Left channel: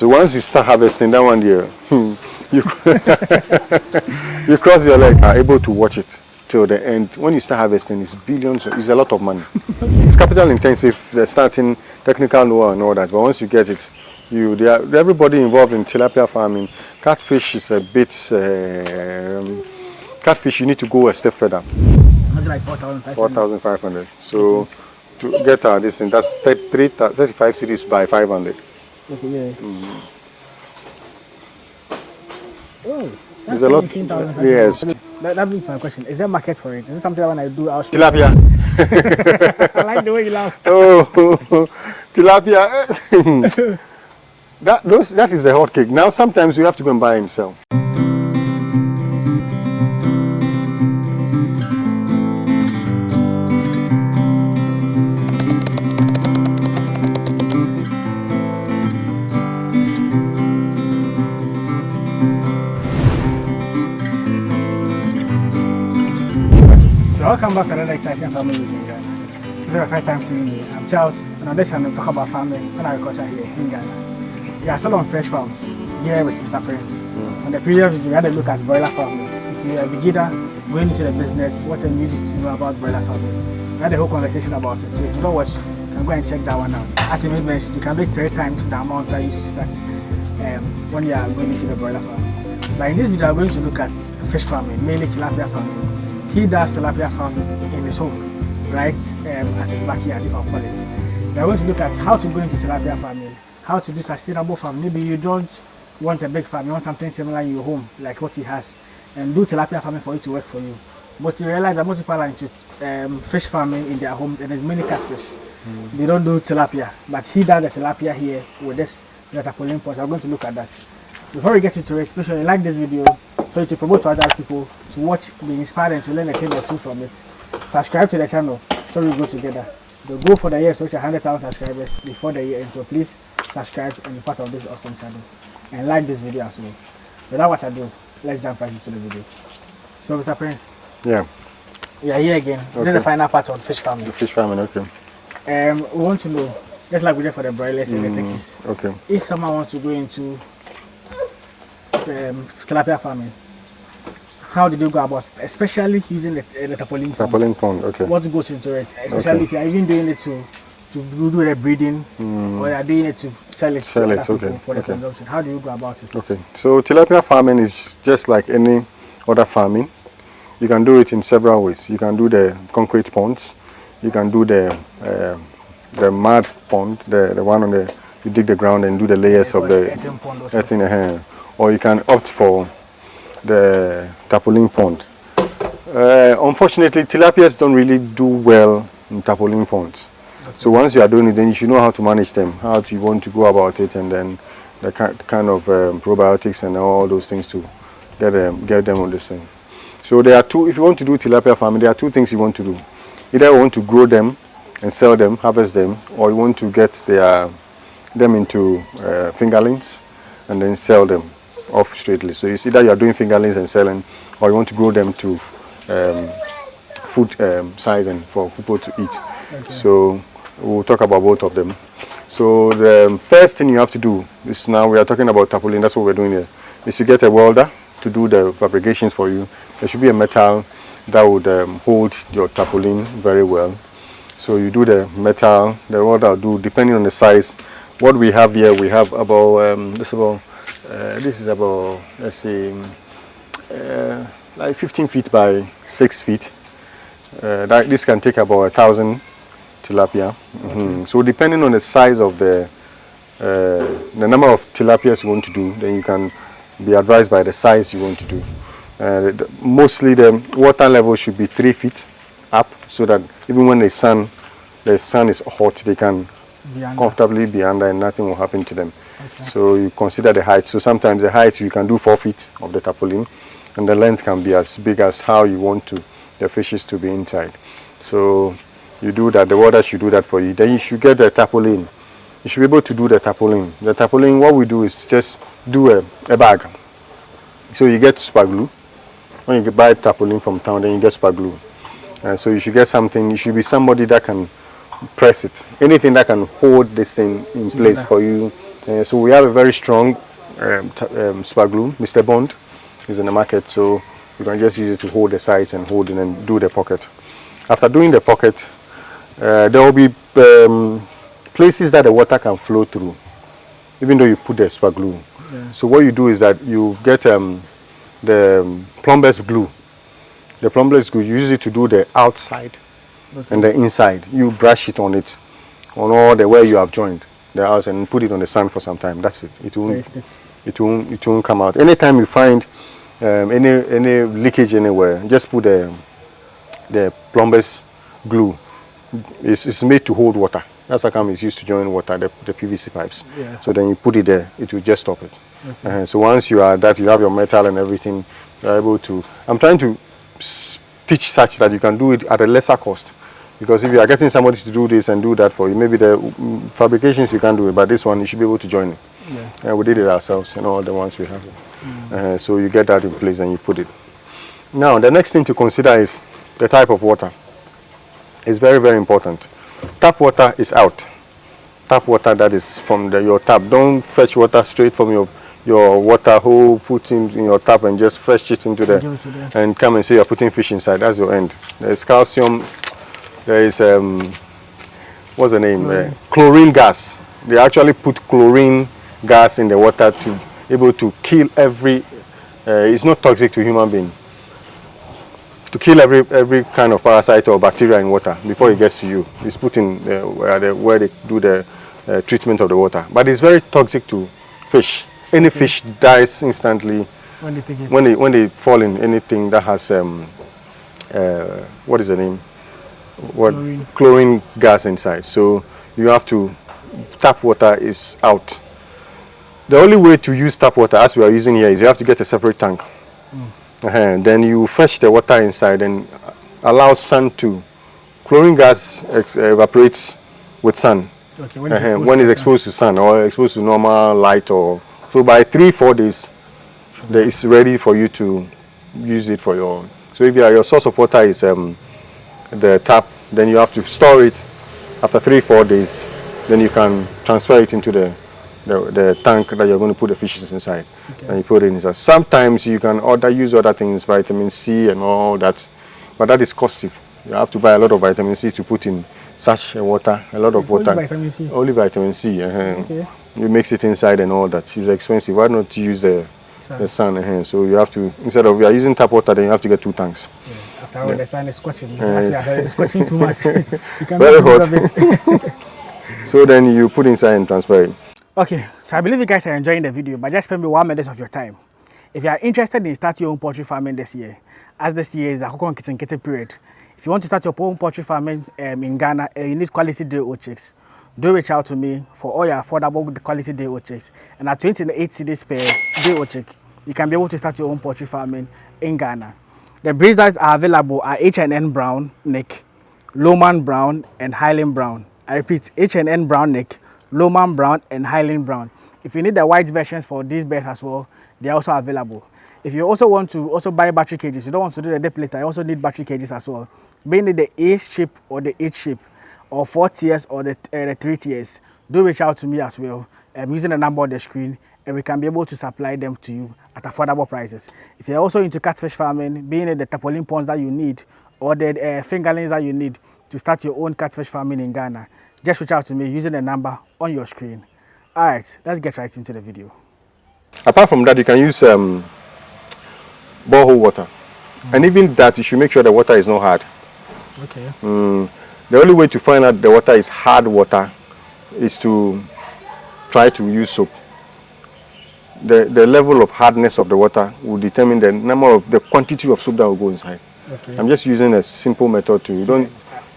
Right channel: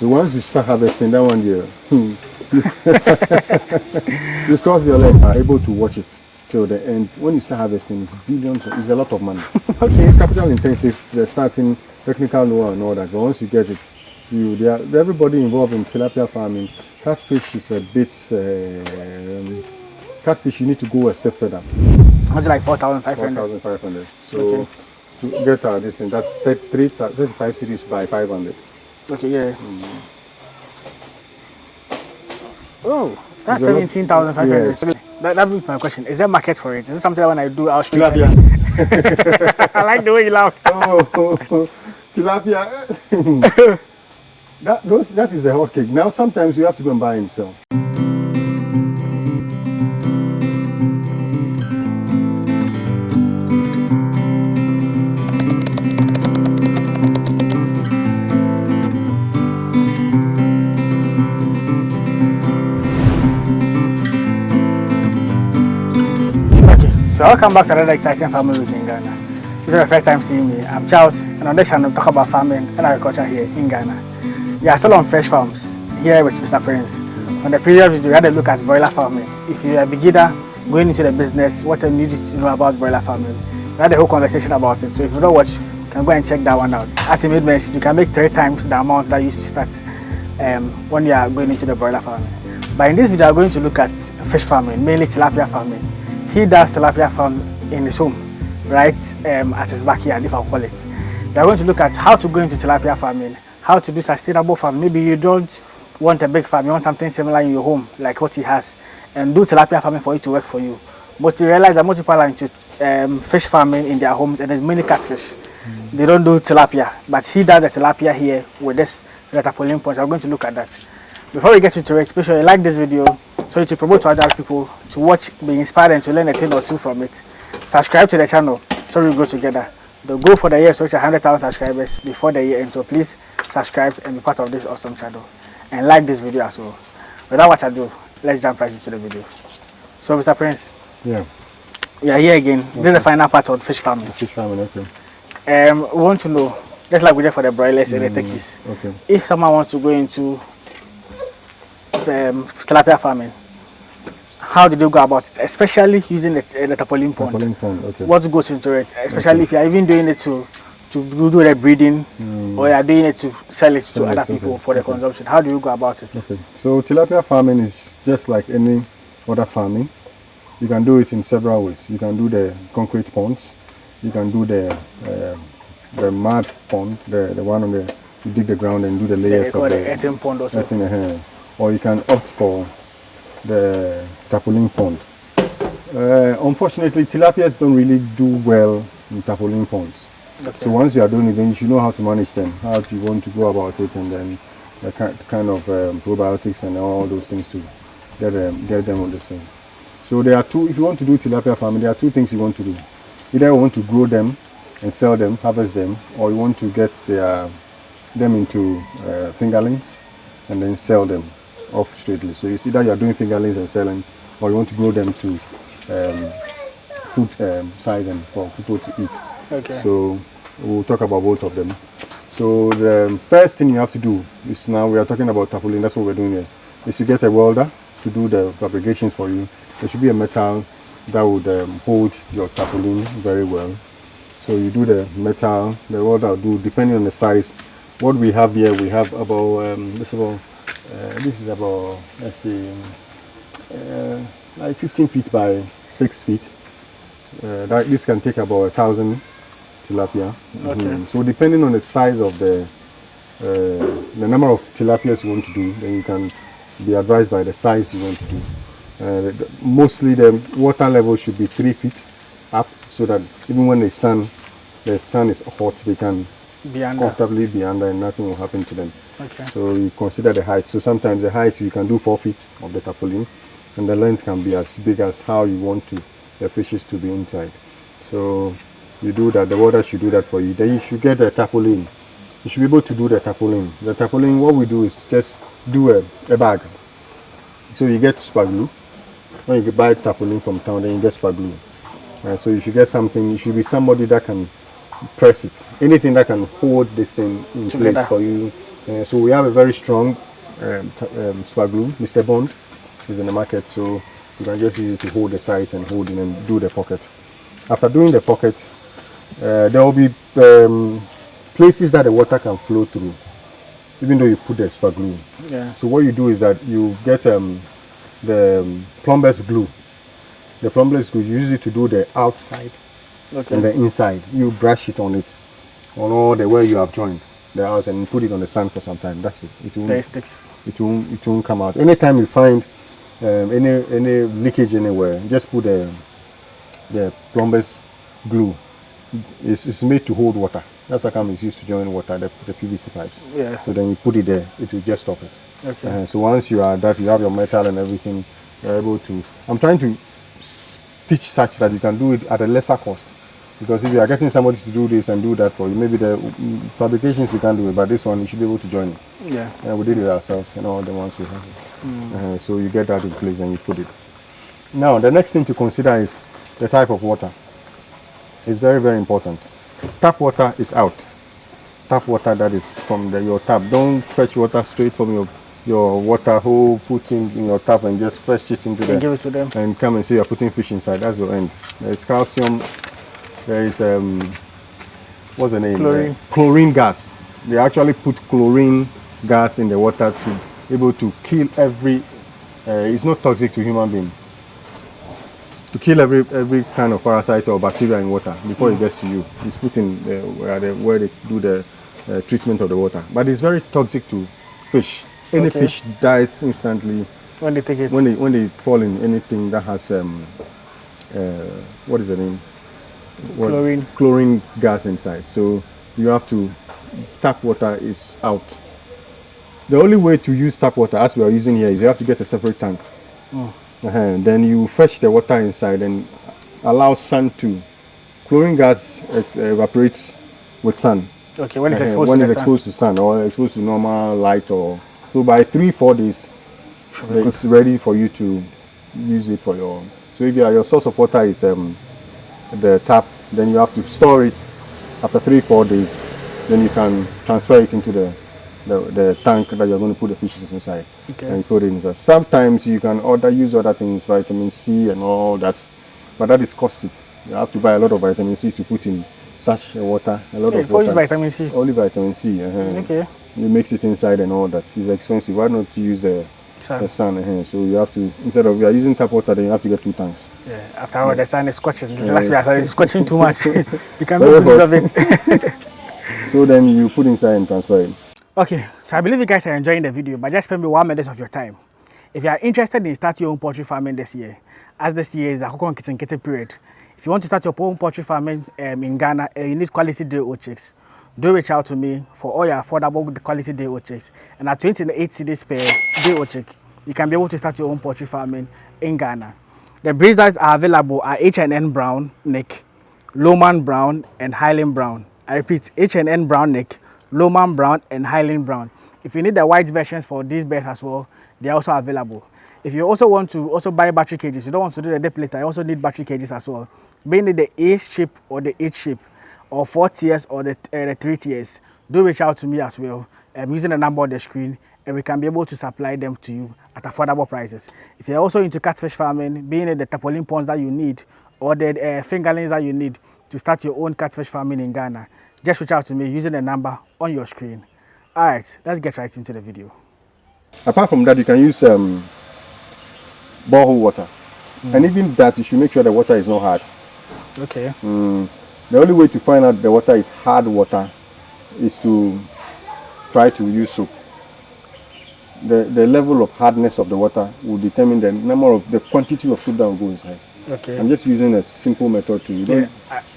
So once you start harvesting that 1 year, you, you cross your leg, are able to watch it till the end. When you start harvesting, it's billions, it's a lot of money. Okay. It's capital intensive, the starting technical know-how and all that, but once you get it, everybody involved in tilapia farming, catfish is a bit, catfish you need to go a step further. What's like 4,500? 4,500. So to get this thing, that's 35 cities by 500. Okay, yes. Oh, that's 17,500. Yes. That brings my question. Is there a market for it? Is it something that when I do, I'll Tilapia. I like the way you laugh. Oh, tilapia. that is a hot cake. Now sometimes you have to go and buy and sell. So welcome back to another exciting family week in Ghana. If it's your first time seeing me, I'm Charles, and on this channel we talk about farming and agriculture here in Ghana. We are still on fresh farms here with Mr. Prince. On the previous video, we had a look at broiler farming. If you're a beginner going into the business, what you need to know about broiler farming. We had a whole conversation about it. So if you don't watch, you can go and check that one out. As he made mention, you can make 3 times the amount that you used to start when you are going into the broiler farming. But in this video, I'm going to look at fish farming, mainly tilapia farming. He does tilapia farm in his home, right, at his backyard, if I call it. We are going to look at how to go into tilapia farming, how to do sustainable farming. Maybe you don't want a big farm, you want something similar in your home, like what he has, and do tilapia farming for it to work for you. But you realize that most people are into fish farming in their homes, and there's many catfish. They don't do tilapia, but he does the tilapia here with this tarpaulin pond. We're going to look at that. Before we get into it, make sure you like this video so to promote to other people to watch, be inspired, and to learn a thing or two from it. Subscribe to the channel so we go together. The goal for the year is to reach 100,000 subscribers before the year ends. So please subscribe and be part of this awesome channel. And like this video as well. Without what I do, let's jump right into the video. So Mr. Prince. Yeah. We are here again. Okay. This is the final part on fish farming. Fish farming, okay. We want to know, just like we did for the broilers and the turkeys. Okay. If someone wants to go into tilapia farming, how do they go about it? Especially using the tarpaulin pond. Tarpaulin pond, okay. What goes into it? Especially if you are even doing it to do the breeding, or you are doing it to sell it to other people for the consumption. How do you go about it? Okay. So tilapia farming is just like any other farming. You can do it in several ways. You can do the concrete ponds. You can do the mud pond, the one on the you dig the ground and do the layers of the earthen pond also. Or you can opt for the tarpaulin pond. Unfortunately, tilapias don't really do well in tarpaulin ponds. Okay. So once you are doing it, then you should know how to manage them, how you want to go about it, and then the kind of probiotics and all those things to get them on the same. So there are two. If you want to do tilapia farming, there are 2 things you want to do. Either you want to grow them and sell them, harvest them, or you want to get them into fingerlings and then sell them off straightly. So it's either you are doing fingerlings and selling, or you want to grow them to food size and for people to eat. Okay. So we'll talk about both of them. So the first thing you have to do is, now we are talking about tarpaulin, that's what we're doing here, is you get a welder to do the fabrications for you. There should be a metal that would hold your tarpaulin very well. So you do the metal, the welder will do, depending on the size. What we have here, we have about, this is about, let's say, like 15 feet by 6 feet. This can take about 1,000 tilapia. Okay. So depending on the size of the number of tilapias you want to do, then you can be advised by the size you want to do. Mostly the water level should be 3 feet up, so that even when the sun is hot, they can comfortably be under and nothing will happen to them. Okay. So you consider the height. So sometimes the height you can do 4 feet of the tarpaulin, and the length can be as big as how you want the fishes to be inside. So you do that. The water should do that for you. Then you should get the tarpaulin. You should be able to do the tarpaulin. The tarpaulin, what we do is just do a bag. So you get super glue. When you buy tarpaulin from town, then you get super glue. So you should get something. You should be somebody that can press it. Anything that can hold this thing in place for you So we have a very strong super glue. Mr. Bond is in the market, so you can just use it to hold the sides and hold it and do the pocket. After doing the pocket, there will be places that the water can flow through, even though you put the super glue. Yeah. So what you do is that you get the plumber's glue. The plumber's glue, you use it to do the outside and the inside. You brush it on all the way you have joined the house and put it on the sand for some time. That's it. It won't, sticks. It won't come out. Anytime you find any leakage anywhere, just put the plumber's glue. It's made to hold water. That's how come it's used to join water, the PVC pipes. Yeah. So then you put it there, it will just stop it. Okay. So once you are that, you have your metal and everything, you're able to. I'm trying to teach such that you can do it at a lesser cost. Because if you are getting somebody to do this and do that for you, maybe the fabrications you can't do it, but this one you should be able to join it. Yeah. We did it ourselves, all the ones we have. So you get that in place and you put it. Now the next thing to consider is the type of water. It's very, very important. Tap water is out. Tap water that is from your tap. Don't fetch water straight from your water hole, put in your tap and just fetch it into give it to them. and come and say you're putting fish inside. That's your end. There's calcium. There is what's the name? Chlorine gas. They actually put chlorine gas in the water to able to kill every. It's not toxic to human being. To kill every kind of parasite or bacteria in water before it gets to you. It's put in where they do the treatment of the water. But it's very toxic to fish. Any fish dies instantly when they take it. When they fall in anything that has what is the name? Chlorine gas inside. So you have to. Tap water is out. The only way to use tap water, as we are using here, is you have to get a separate tank. Then you fetch the water inside and allow sun to. Chlorine gas evaporates with sun. Okay, when it's exposed to sun or exposed to normal light, or so by 3-4 days, it's ready for you to use it for your. So if your source of water is the tap, then you have to store it. After 3-4 days, then you can transfer it into the tank that you're going to put the fishes inside, and you put it inside. Sometimes you can use other things, vitamin C and all that, but that is costly. You have to buy a lot of vitamin C to put in such water, a lot of water. Vitamin C? Only vitamin C. Okay. You mix it inside and all that. It's expensive. Why not use the sun? So you have to, instead of using tap water, then you have to get 2 tanks. Yeah. After all, the sun is scorching. Last year I started scorching too much. You can make use of it. So then you put inside and transfer it. Okay, so I believe you guys are enjoying the video, but just spend me 1 minute of your time. If you are interested in starting your own poultry farming this year, as this year is a Aquaculture period, if you want to start your own poultry farming in Ghana, you need quality day-old chicks. Do reach out to me for all your affordable quality day-old chicks. And at 28 cedis per day-old chick, you can be able to start your own poultry farming in Ghana. The breeds that are available are H&N Brown Neck, Lowman Brown, and Highland Brown. I repeat, H&N Brown Neck, Lowman Brown, and Highland Brown. If you need the white versions for these birds as well, they are also available. If you also want to buy battery cages, you don't want to do the depilator, you also need battery cages as well. Being it the A shape or the H shape, or 4 tiers or the 3 tiers, do reach out to me as well. Using the number on the screen, and we can be able to supply them to you at affordable prices. If you're also into catfish farming, being it the tarpaulin ponds that you need, or the fingerlings that you need to start your own catfish farming in Ghana, just reach out to me using the number on your screen. All right, let's get right into the video. Apart from that, you can use borehole water. And even that, you should make sure the water is not hard. Okay. The only way to find out the water is hard water is to try to use soap. The level of hardness of the water will determine the quantity of soap that will go inside. Okay. I'm just using a simple method to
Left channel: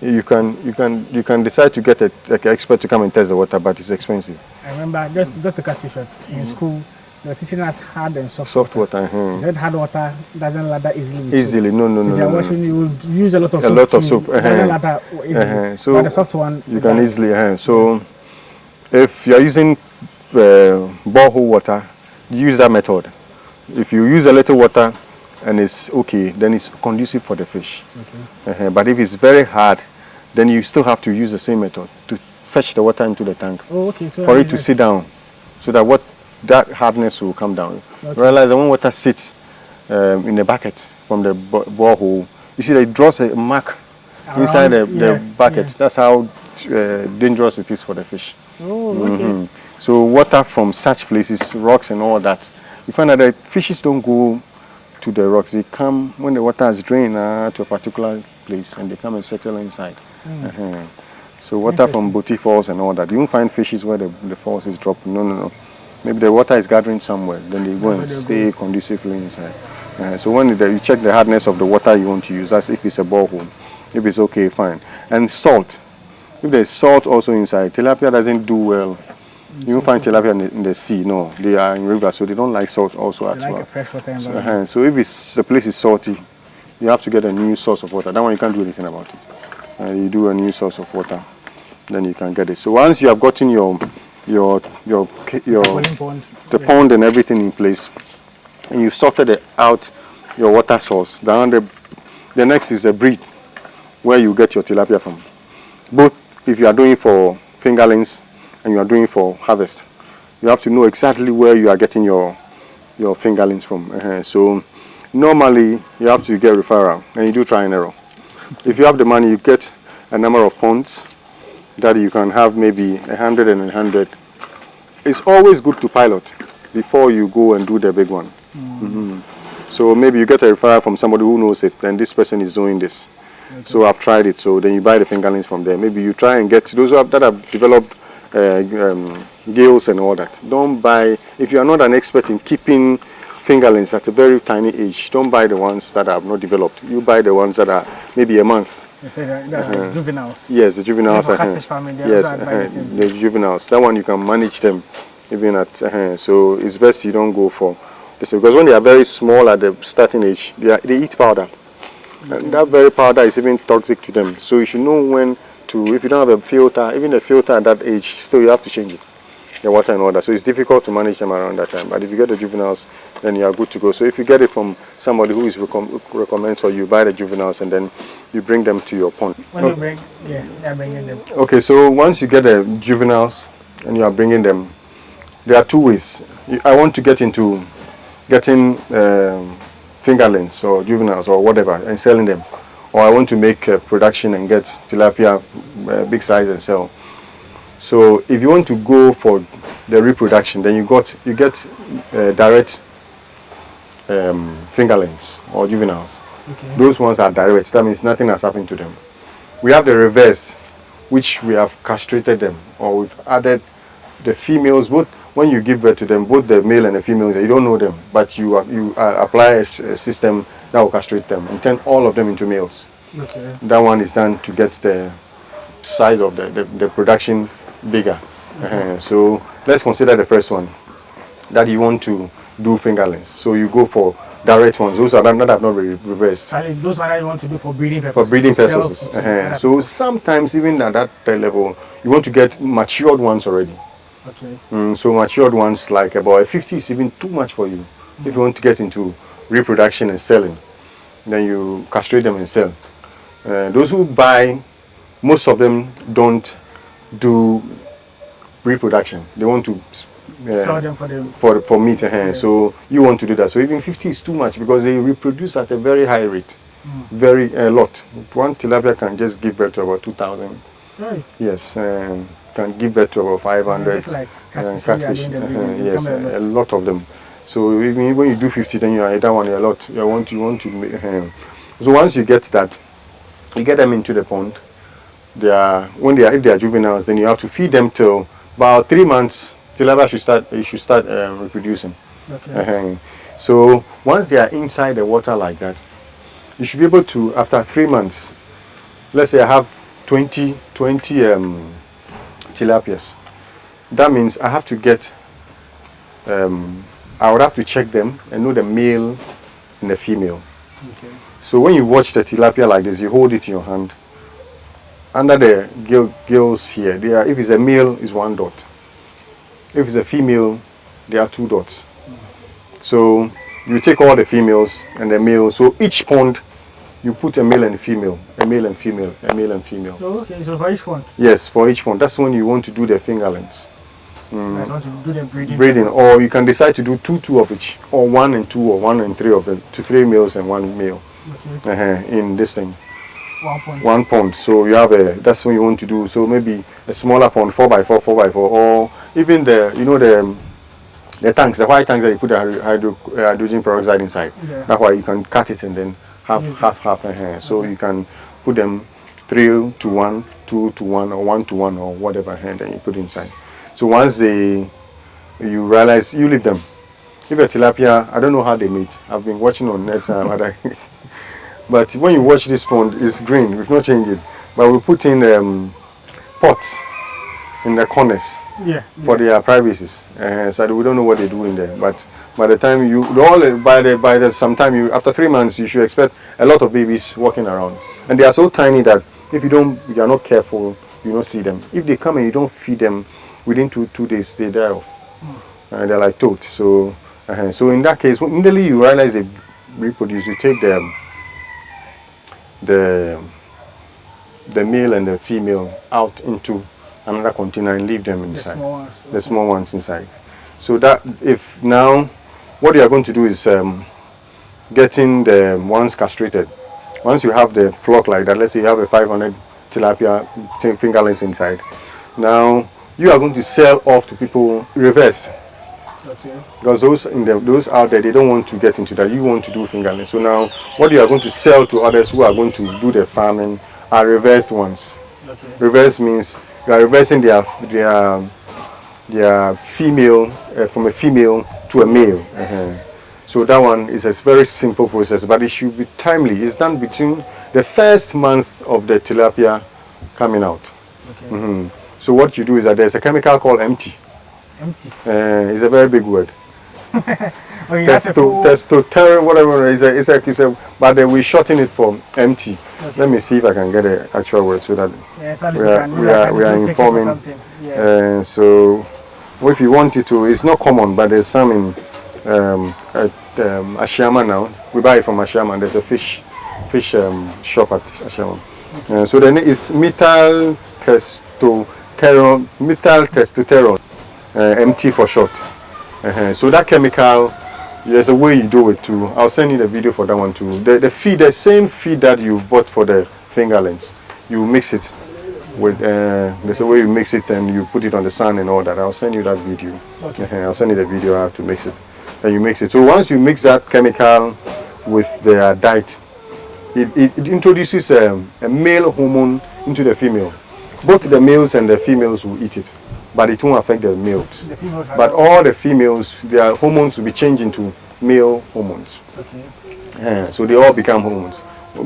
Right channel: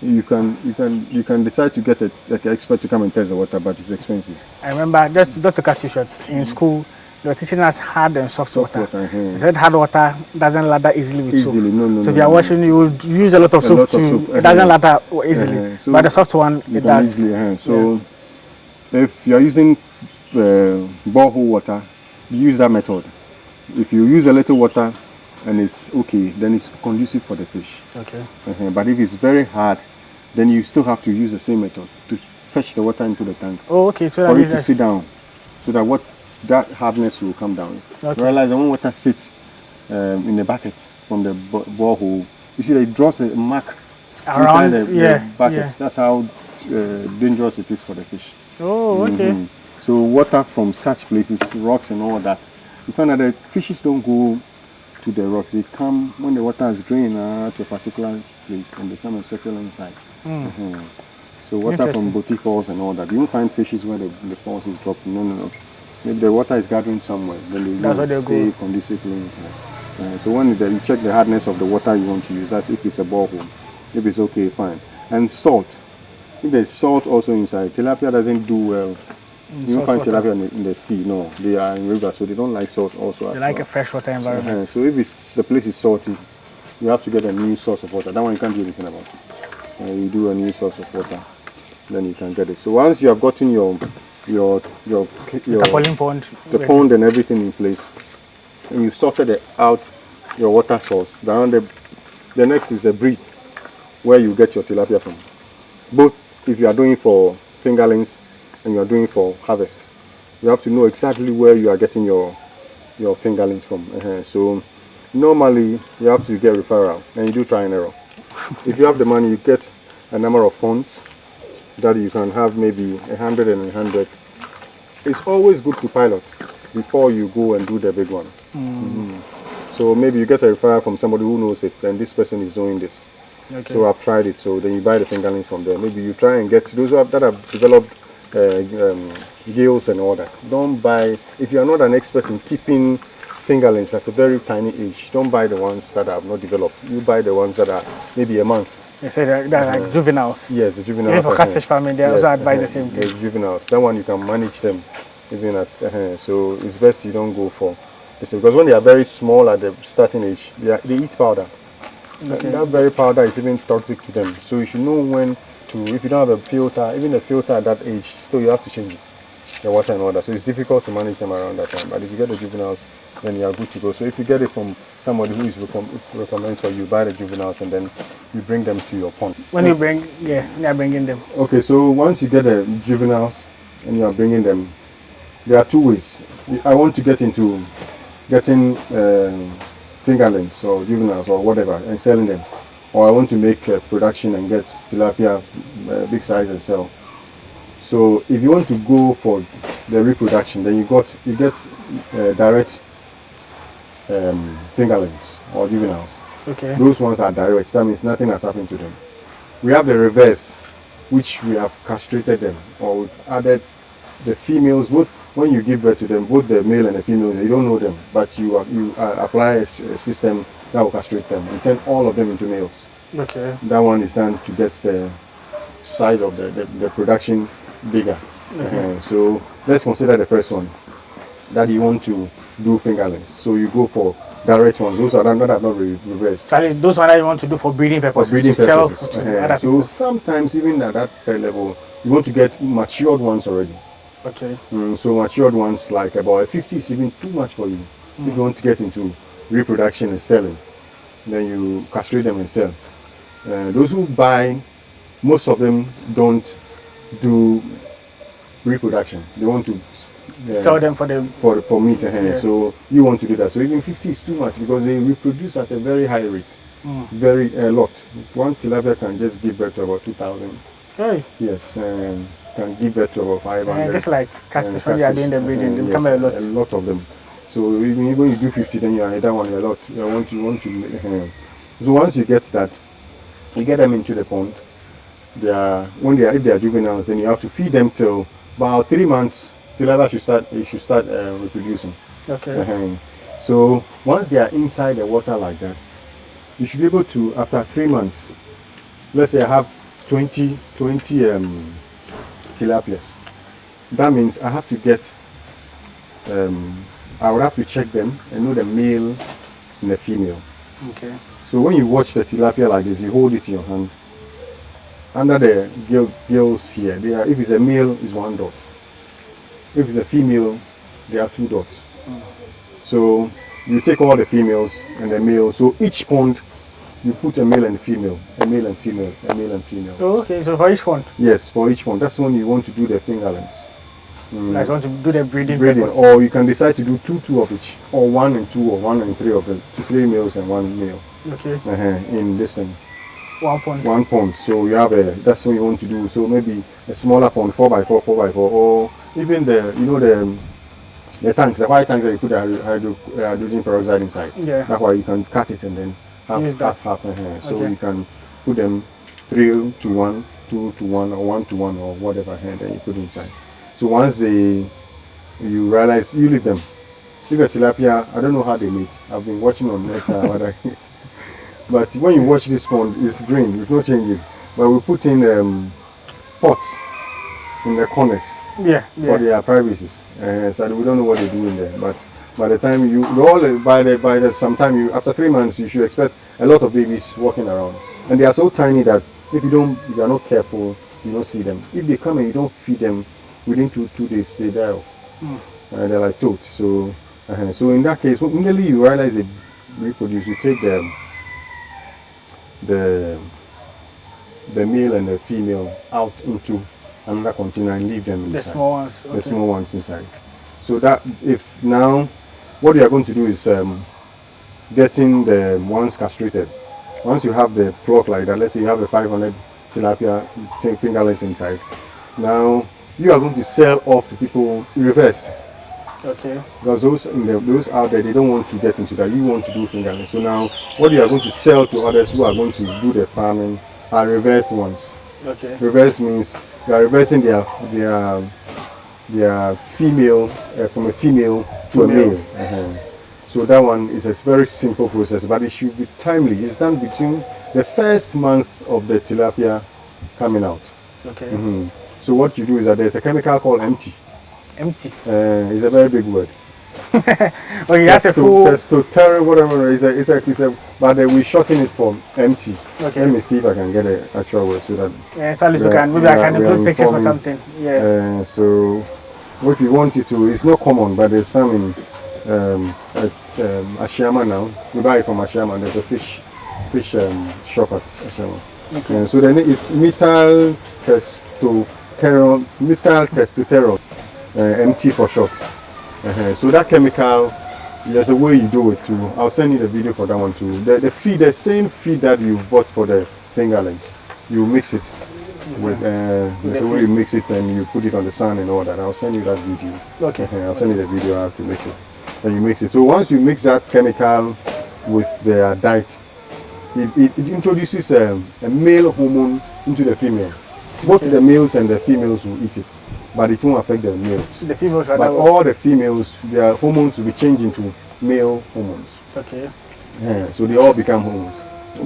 you can decide to get an expert to come and test the water, but it's expensive. I remember just to cut you short, in school they were teaching us hard and soft water. They said hard water doesn't lather easily with soap. No. So if you are washing, you would use a lot of soap. It doesn't lather easily. So but the soft one, you can easily. So if you are using borehole water, use that method. If you use a little water and it's okay, then it's conducive for the fish. Okay. But if it's very hard, then you still have to use the same method to fetch the water into the tank. Oh, okay. So for it to sit down. so that that hardness will come down. Okay. Realize that when water sits in the bucket from the borehole, you see that it draws a mark inside the bucket. That's how dangerous it is for the fish. Oh, okay. So water from such places, rocks and all that, you find that the fishes don't go to the rocks. They come when the water is drained to a particular place, and they come and settle inside. So water from Boti Falls and all that. You won't find fishes where the falls is dropping. No. Maybe the water is gathering somewhere, then they go and stay conducively inside. So when you check the hardness of the water you want to use, that's if it's a borehole. If it's okay, fine. And salt. If there's salt also inside, tilapia doesn't do well. You don't find tilapia in the sea, no. They are in rivers, so they don't like salt also. They like a freshwater environment. So if the place is salty, you have to get a new source of water. That one you can't do anything about it. You do a new source of water, then you can get it. So once you have gotten your pond and everything in place, and you've sorted out your water source, then the next is the breed, where you get your tilapia from. Both if you are doing for fingerlings and you are doing for harvest, you have to know exactly where you are getting your fingerlings from. So normally you have to get referral, and you do try and error. If you have the money, you get a number of ponds that you can have, maybe 100 and 100. It's always good to pilot before you go and do the big one. So maybe you get a referral from somebody who knows it, and this person is doing this. Okay. So I've tried it, so then you buy the fingerlings from there. Maybe you try and get those that have developed gills and all that. Don't buy, if you are not an expert in keeping fingerlings at a very tiny age, don't buy the ones that have not developed. You buy the ones that are maybe a month. You say they're like juveniles. Yes, the juveniles. For catfish farming, they also advise the same thing. The juveniles. That one you can manage them even at. So it's best you don't go for this, because when they are very small at the starting age, they eat powder. Okay. And that very powder is even toxic to them. So you should know when to. If you don't have a filter, even a filter at that age, still you have to change it, the water and all that. So it's difficult to manage them around that time. But if you get the juveniles, then you are good to go. So if you get it from somebody who is recommends for you, buy the juveniles and then you bring them to your pond. When you bring, you're bringing them. Okay, so once you get the juveniles and you are bringing them, there are two ways. I want to get into getting fingerlings or juveniles or whatever and selling them, or I want to make production and get tilapia big size and sell. So if you want to go for the reproduction, then you get direct fingerlings or juveniles. Okay. Those ones are direct. That means nothing has happened to them. We have the reverse, which we have castrated them, or we've added the females. Both when you give birth to them, both the male and the female, you don't know them, but you apply a system that will castrate them and turn all of them into males. Okay. That one is done to get the size of the production bigger. Okay. So let's consider the first one, that you want to do fingerlings. So you go for direct ones. Those are that have not been reversed. Those are that you want to do for breeding purposes. For breeding purposes. So sometimes even at that level, you want to get matured ones already. Okay. So matured ones like about 50 is even too much for you. If you want to get into reproduction and selling, then you castrate them and sell. Those who buy, most of them don't do reproduction. They want to sell them for meat. Yes. So you want to do that. So even 50 is too much because they reproduce at a very high rate, very a lot. One tilapia can just give birth to about 2,000. Right. Yes, can give birth to about 500. Just like catfish, when you are doing the breeding, yes, a lot of them. So even when you do 50, then you are that one a lot. You want to. So once you get that, you get them into the pond. If they are juveniles, then you have to feed them till about 3 months. Tilapia should start reproducing. Okay. So once they are inside the water like that, you should be able to, after 3 months, let's say I have 20 tilapias. That means I have to get, I would have to check them and know the male and the female. Okay. So when you watch the tilapia like this, you hold it in your hand. Under the gills here, if it's a male, it's 1 dot. If it's a female, there are 2 dots. So you take all the females and the males. So each pond, you put a male and a female, a male and female, a male and female. Oh, okay, so for each pond? Yes, for each pond. That's when you want to do the fingerlings. Like want to do the breeding. Breeding, purpose. or you can decide to do two of each, or 1 and 2, or 1 and 3 of them, 3 males and 1 male. Okay. In this thing. 1 pond. 1 pond. So you have that's what you want to do. So maybe a smaller pond, 4x4, 4x4, or even the tanks, the white tanks that you put the hydrogen peroxide inside. Yeah. That's why you can cut it and then have half. So you can put them 3 to 1, 2 to 1, or 1 to 1, or whatever, and then you put inside. So once you realize, you leave them. If a tilapia, I don't know how they meet. I've been watching on net, but when you watch this pond, it's green. We've not changed it, but we put in pots in the corners for their privacies. So we don't know what they do in there. But by the time after 3 months, you should expect a lot of babies walking around, and they are so tiny that if you are not careful, you don't see them. If they come and you don't feed them, within 2 days they die off. They're like toads. So in that case, immediately you realize they reproduce, you take the male and the female out into another container and leave them inside. The small ones. The small ones inside. So that if now what you are going to do is getting the ones castrated. Once you have the flock like that, let's say you have a 500 tilapia fingerlings inside. Now you are going to sell off to people reverse. Okay. Because those out there, they don't want to get into that. You want to do fingerlings. So now what you are going to sell to others who are going to do the farming are reversed ones. Okay. Reverse means you are reversing their female from a female to a male. So that one is a very simple process, but it should be timely. It's done between the first month of the tilapia coming out. Okay. So what you do is that there's a chemical called empty. Empty. It's a very big word. Okay, that's a full. Testosterone, whatever. It's a. But we shorten it for empty. Okay. Let me see if I can get an actual word so that. Yeah, so maybe I can do pictures or something. Yeah. So, if you want it to, it's not common, but there's some in at Ashama now. We buy it from Ashama. There's a fish shop at Ashama. Okay. So then it's methyl testosterone, MT for short. So that chemical, there's a way you do it too. I'll send you the video for that one too. The same feed that you bought for the fingerlings, you mix it with. There's a way you mix it and you put it on the sun and all that. I'll send you that video. Okay. I'll send you the video how to mix it, and you mix it. So once you mix that chemical with the diet, it introduces a male hormone into the female. Both the males and the females will eat it, but it won't affect the males. The females are but all the females, their hormones will be changed into male hormones. Okay. So they all become hormones,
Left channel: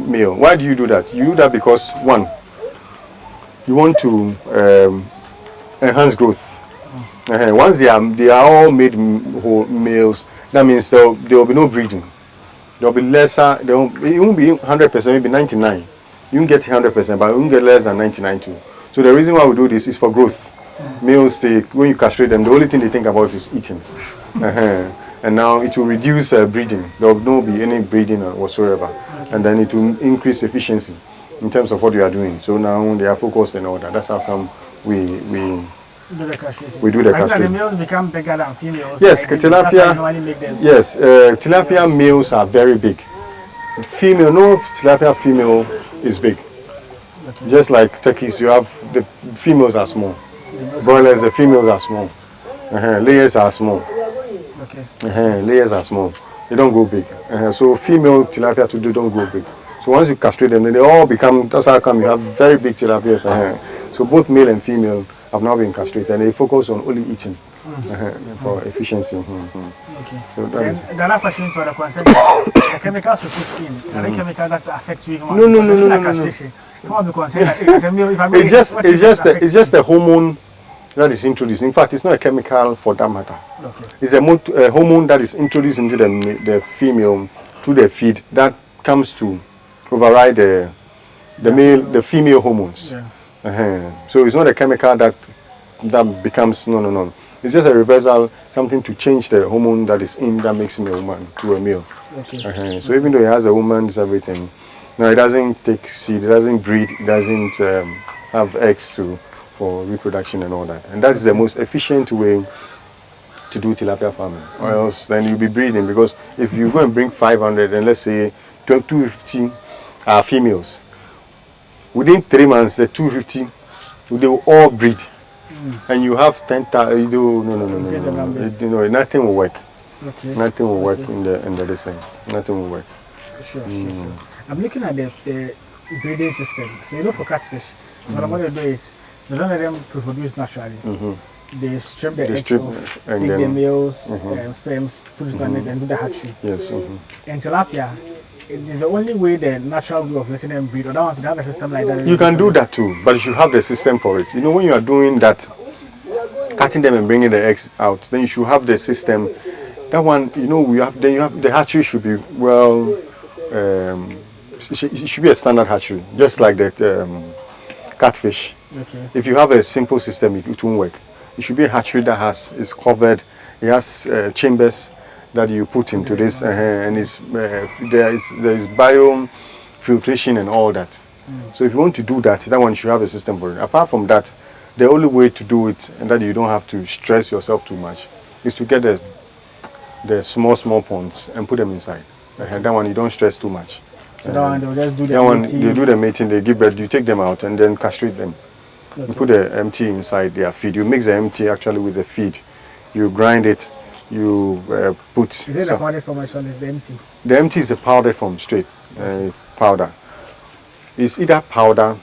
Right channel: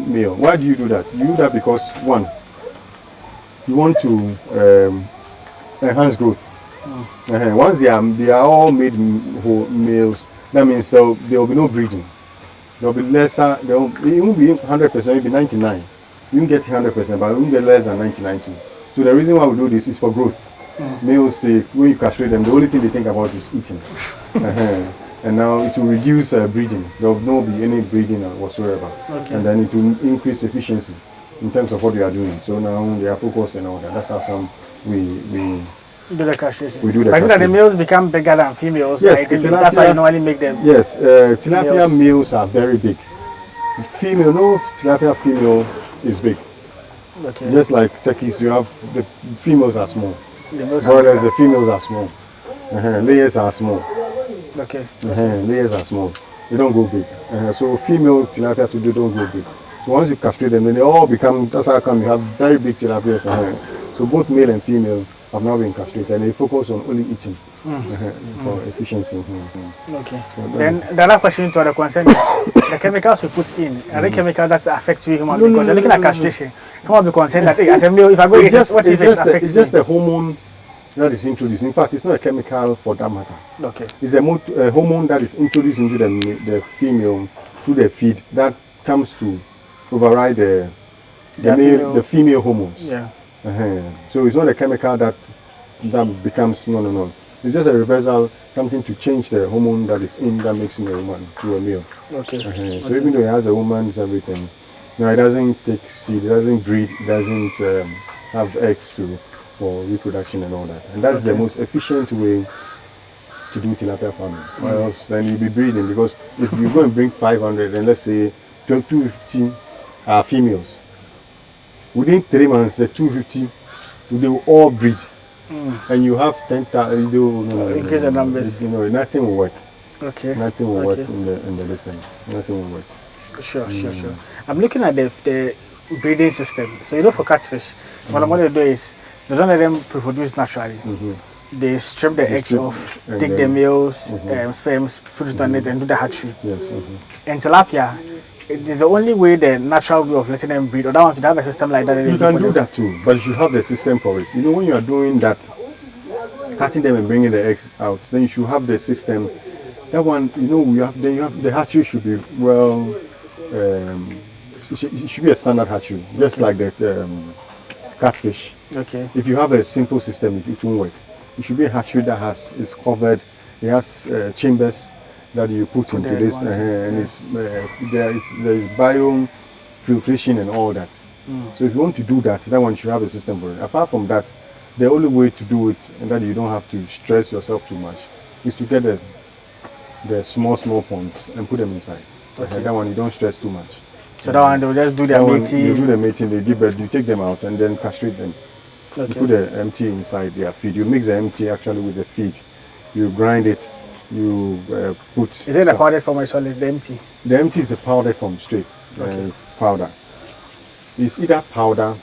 male. Why do you do that? You do that because, one, you want to enhance growth. Once they are all made males, that means there will be no breeding. There will be lesser. It won't be 100%, maybe 99. You can get 100%, but you can get less than 99 too. So the reason why we do this is for growth. Males, when you castrate them, the only thing they think about is eating. And now it will reduce breeding. There will not be any breeding whatsoever. Okay. And then it will increase efficiency in terms of what you are doing. So now they are focused and all that. That's how come we do the castration. We do the castration. The males become bigger than females. Yes, tilapia. That's why you normally make them. Yes, tilapia males are very big. Tilapia female is big. Okay. Just like turkeys, you have the females are small. Broilers, the females are small. Layers are small. Okay. Layers are small. They don't go big. So female tilapia don't go big. So once you castrate them, then they all become. That's how come you have very big tilapias. So both male and female have now been castrated, and they focus on only eating for efficiency. Okay. So then the other question to the concern is the chemicals you put in, are the chemicals that affect you human? No. Looking at castration, you won't be concerned that as a male, if I go, it's just a hormone that is introduced. In fact, it's not a chemical for that matter. Okay. It's a hormone that is introduced into the female through the feed that comes to override the female hormones. Yeah. So it's not a chemical that becomes no. It's just a reversal, something to change the hormone that is in that makes him a woman to a male. Okay. So even though he has a woman's everything, no, it doesn't take seed, it doesn't breed, it doesn't have eggs for reproduction and all that. And that's the most efficient way to do tilapia farming. Or else then you'll be breeding, because if you go and bring 500 and let's say 250 are females, within 3 months the 250 they will all breed. And you have 10,000. You do Increase the numbers. Nothing will work. Okay. Nothing will work in the design. Nothing will work. Sure. I'm looking at the breeding system. So for catfish, what they do is they don't let them reproduce naturally. They strip the eggs off, take the males, sperms, put it on it, and do the hatchery. Yes. And tilapia, it is the only way, the natural way of letting them breed. Or that one should have a system like that. You can do that too, but you should have the system for it. When you are doing that, cutting them and bringing the eggs out, then you should have the system. That one, you have the hatchery should be it should be a standard hatchery, just like that catfish. Okay. If you have a simple system, it won't work. It should be a hatchery that is covered. It has chambers that you put into this, and there is biome filtration and all that. So if you want to do that, that one should have a system for it. Apart from that, the only way to do it, and that you don't have to stress yourself too much, is to get the small ponds and put them inside. That one you don't stress too much. So that one they'll just do their mating. You do the mating, they give birth, you take them out and then castrate them. Okay. You put the empty inside their feed. You mix the empty actually with the feed. You grind it. You put. Is it the powdered form or solid? The empty? The empty is the powdered form, straight powder. It's either powder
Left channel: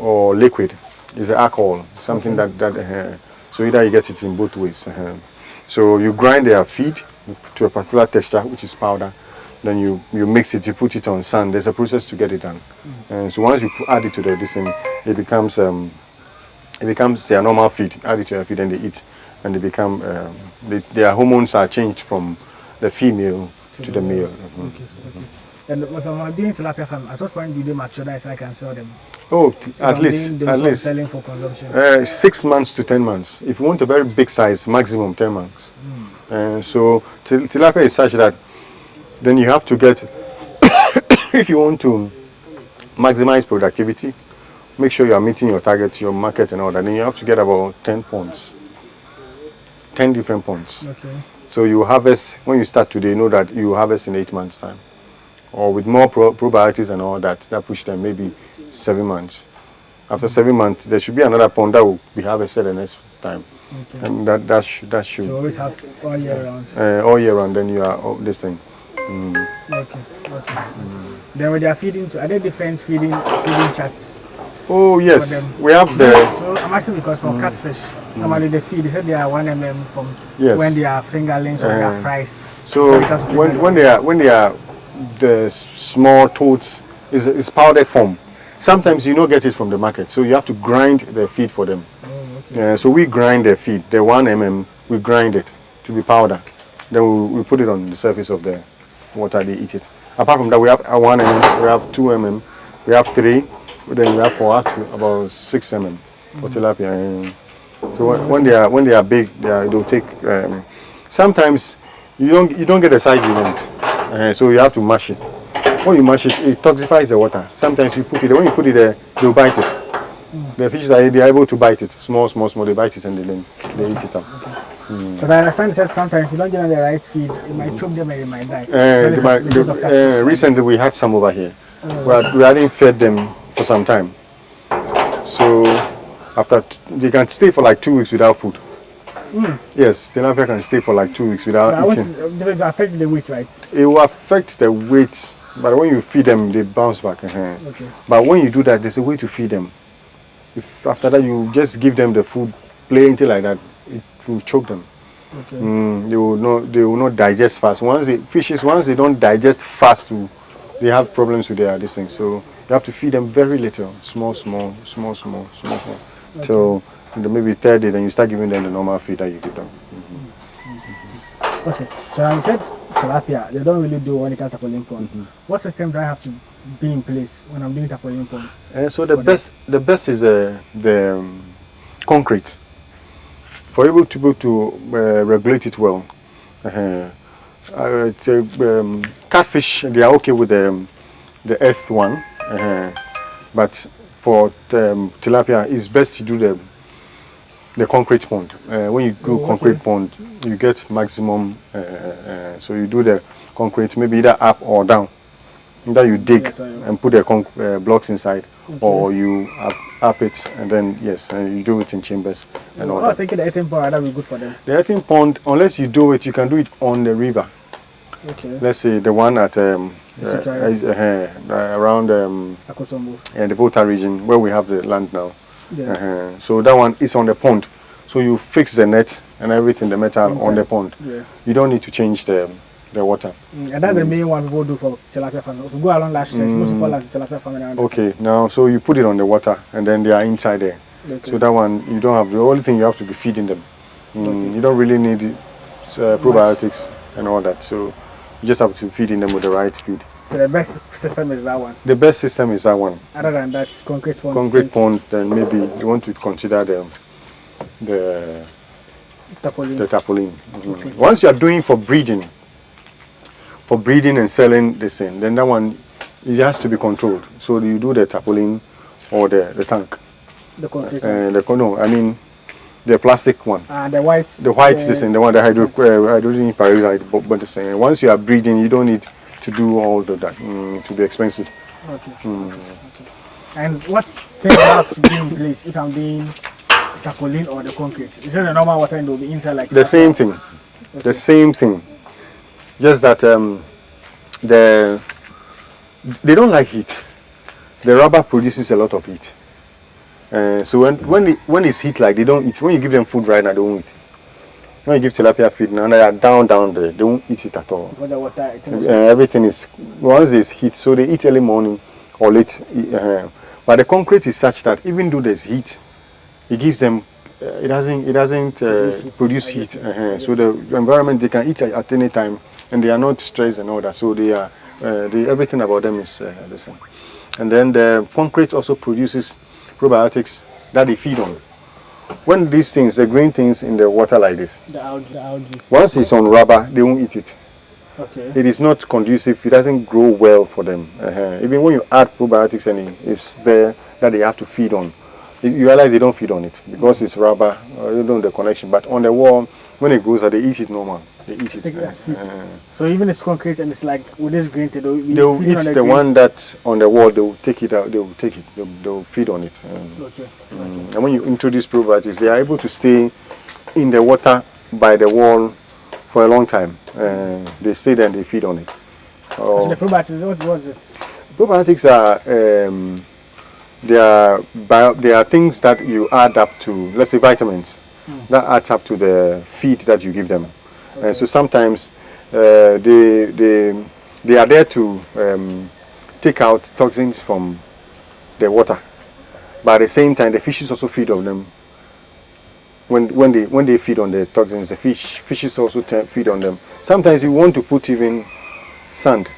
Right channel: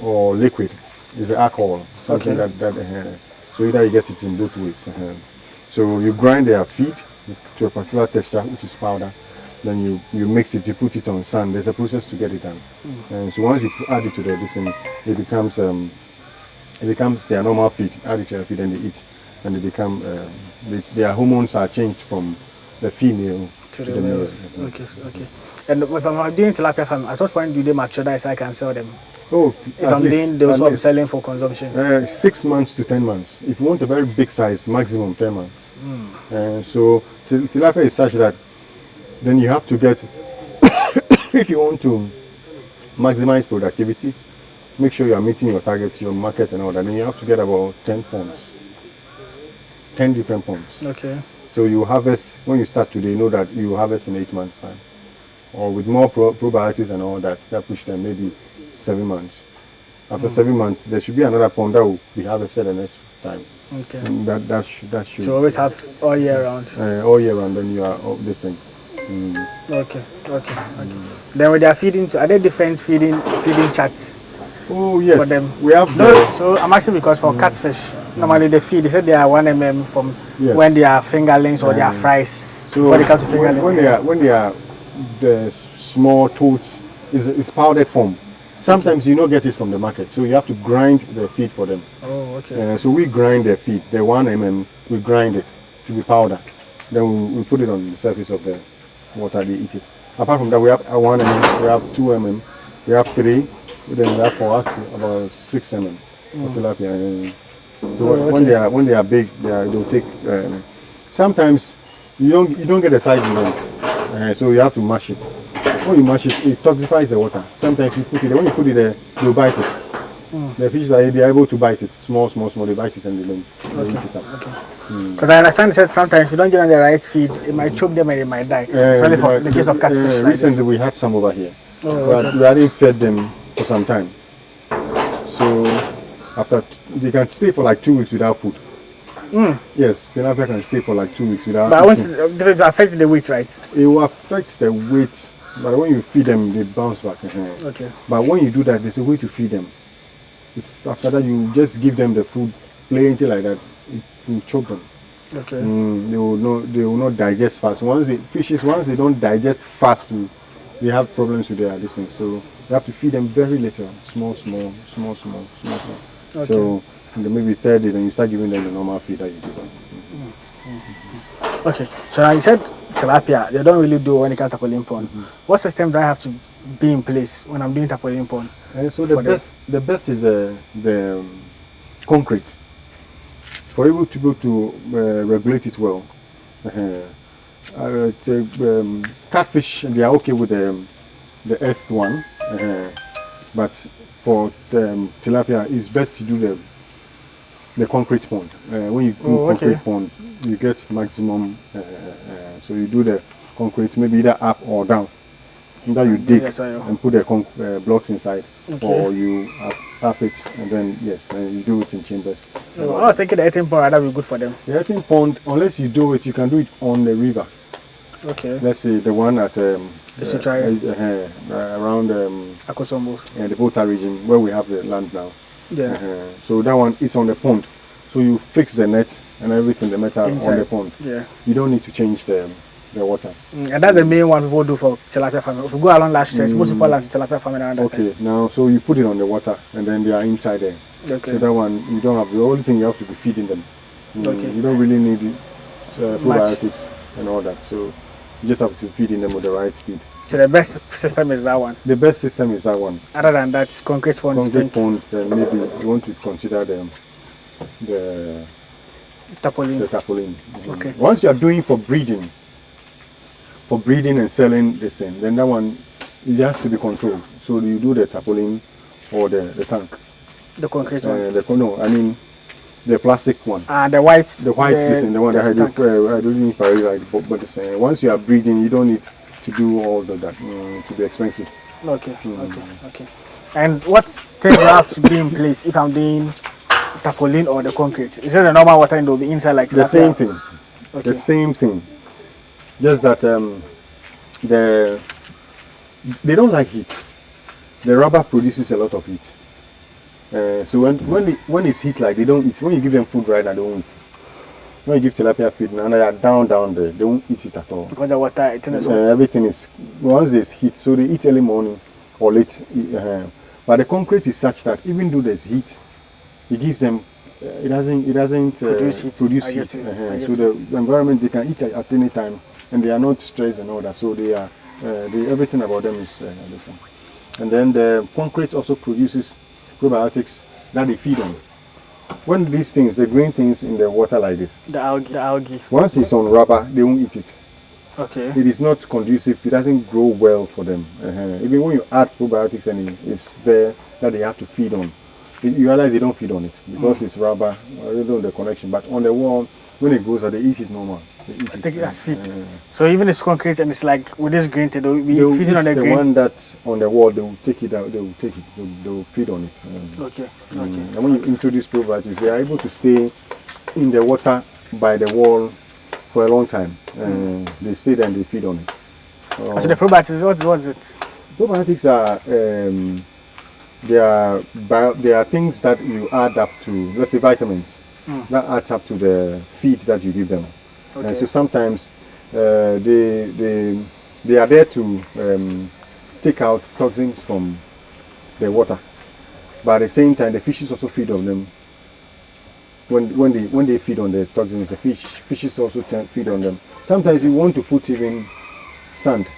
or liquid. It's alcohol, something that so either you get it in both ways. So you grind their feed to a particular texture, which is powder. Then you mix it, you put it on sand. There's a process to get it done. And so once you add it to this thing, it becomes their normal feed. Add it to their feed and they eat, and they become their hormones are changed from the female to the male. Okay. And if I'm doing tilapia farm, at what point do they mature that so I can sell them? At least. Those are selling for consumption. 6 months to 10 months. If you want a very big size, maximum 10 months. So tilapia is such that then you have to get, if you want to maximize productivity, make sure you are meeting your targets, your market and all that, then you have to get about 10 ponds. 10 different ponds. Okay. So you harvest, when you start today, you know that you harvest in 8 months' time. Or with more probiotics and all that push them maybe 7 months. After 7 months, there should be another pond that will be harvested the next time. Okay. And that should. So always have all year round. All year round, then you are this thing. Okay. Then with their feeding, are there different feeding charts? Oh yes, for them? We have So I'm asking because for catfish, normally they feed. They said they are 1 mm from when they are fingerlings or they are fries. So when they are the small toads, is powdered form. Sometimes you don't get it from the market, so you have to grind the feed for them. Oh, okay. So we grind the feed, the 1 mm, we grind it to be powder. Then we put it on the surface of the water, they eat it. Apart from that, we have 1 mm, we have 2 mm, we have 3, then we have 4 up to about 6 mm for tilapia. So when they are big, they'll take. Sometimes you don't get the size you want, so you have to mash it. When you mash it, it toxifies the water. Sometimes when you put it there, they'll bite it. The fishes they are able to bite it, small, they bite it and they eat it up. Because I understand it says sometimes if you don't give them the right feed, it might choke them and they might die. The case of catfish. Recently we had some over here, but we hadn't fed them for some time. So they can stay for like 2 weeks without food. Yes, tilapia can stay for like 2 weeks without eating. But it affects the weight, right? It will affect the weight, but when you feed them, they bounce back. Okay. But when you do that, there's a way to feed them. If after that you just give them the food plainly like that, it will choke them. Okay. They will not digest fast. Once they don't digest fast, they have problems with their this thing. So you have to feed them very little, small. Okay. So maybe third day, then you start giving them the normal feed that you give them. Okay. So now you said tilapia, they don't really do when it comes to tarpaulin pond. What system do I have to be in place when I'm doing tarpaulin pond? So the best is the concrete. For able to be able to regulate it well. Catfish, they are okay with the earth one, but for tilapia, it's best to do the concrete pond. When you do concrete okay. pond, you get maximum. So you do the concrete, maybe either up or down. Either you dig Yes, I know. and put the blocks inside, Okay. or you up it, and then yes, and you do it in chambers. I was thinking the earthen pond that would be good for them. The earthen pond, unless you do it, you can do it on the river. Okay. Let's say the one at around Aquaculture and the Volta region where we have the land now. Yeah. So that one is on the pond. So you fix the net and everything, the metal Inside. on the pond. Yeah. You don't need to change the water. And that's the main one people do for tilapia farming. If you go along last stretch, most people like tilapia farming around that Okay, side. now so you put it on the water and then they are inside there. Okay. So that one you don't have, the only thing you have to be feeding them. Okay. You don't really need probiotics and all that. So you just have to feeding them with the right feed. So the best system is that one. The best system is that one. Other than that, concrete pond. Concrete pond, then maybe you want to consider the Tarpaulin. tarpaulin. Okay. Once you are doing for breeding and selling this thing, then that one it has to be controlled. So you do the tarpaulin or the tank. The concrete one. The plastic one. The white. The white system, the one that hydrogen peroxide. But the same. Once you are breeding, you don't need to do all of that to be expensive. Okay. Okay. And what things I have to do in place if I'm doing tarpaulin or the concrete? Is it the normal water and it will be inside like The that? same thing. Okay. The same thing. Just that they don't like heat. The rubber produces a lot of heat. So when it's heat like they don't eat. When you give them food right now, they won't eat. When you give tilapia feed now, they are down there. They won't eat it at all. Because the water, Everything is once it's heat, so they eat early morning or late. But the concrete is such that even though there's heat, it gives them. It doesn't produce heat. So the environment they can eat at any time, and they are not stressed and all that. So they are everything about them is the same. And then the concrete also produces probiotics that they feed on. When these things, the green things in the water like this, the algae. once it's on rubber, they won't eat it. Okay. It is not conducive. It doesn't grow well for them. Even when you add probiotics and it's there that they have to feed on, you realize they don't feed on it because it's rubber. You don't know the connection. But on the wall, when it goes, they eat it normal. They eat it. Take it as feed. So even it's concrete and it's like with this green thing, they'll be they'll feeding eat on the the green. one that's on the wall. They will take it out. They will take it. They will feed on it. Okay. And when you introduce probiotics, they are able to stay in the water by the wall for a long time. They stay there and they feed on it. So the probiotics, what's it? Probiotics are they are things that you add up to, let's say vitamins, that adds up to the feed that you give them. Okay. So sometimes they are there to take out toxins from the water, but at the same time the fishes also feed on them. When they feed on the toxins, the fishes also feed on them. Sometimes you want to put even sand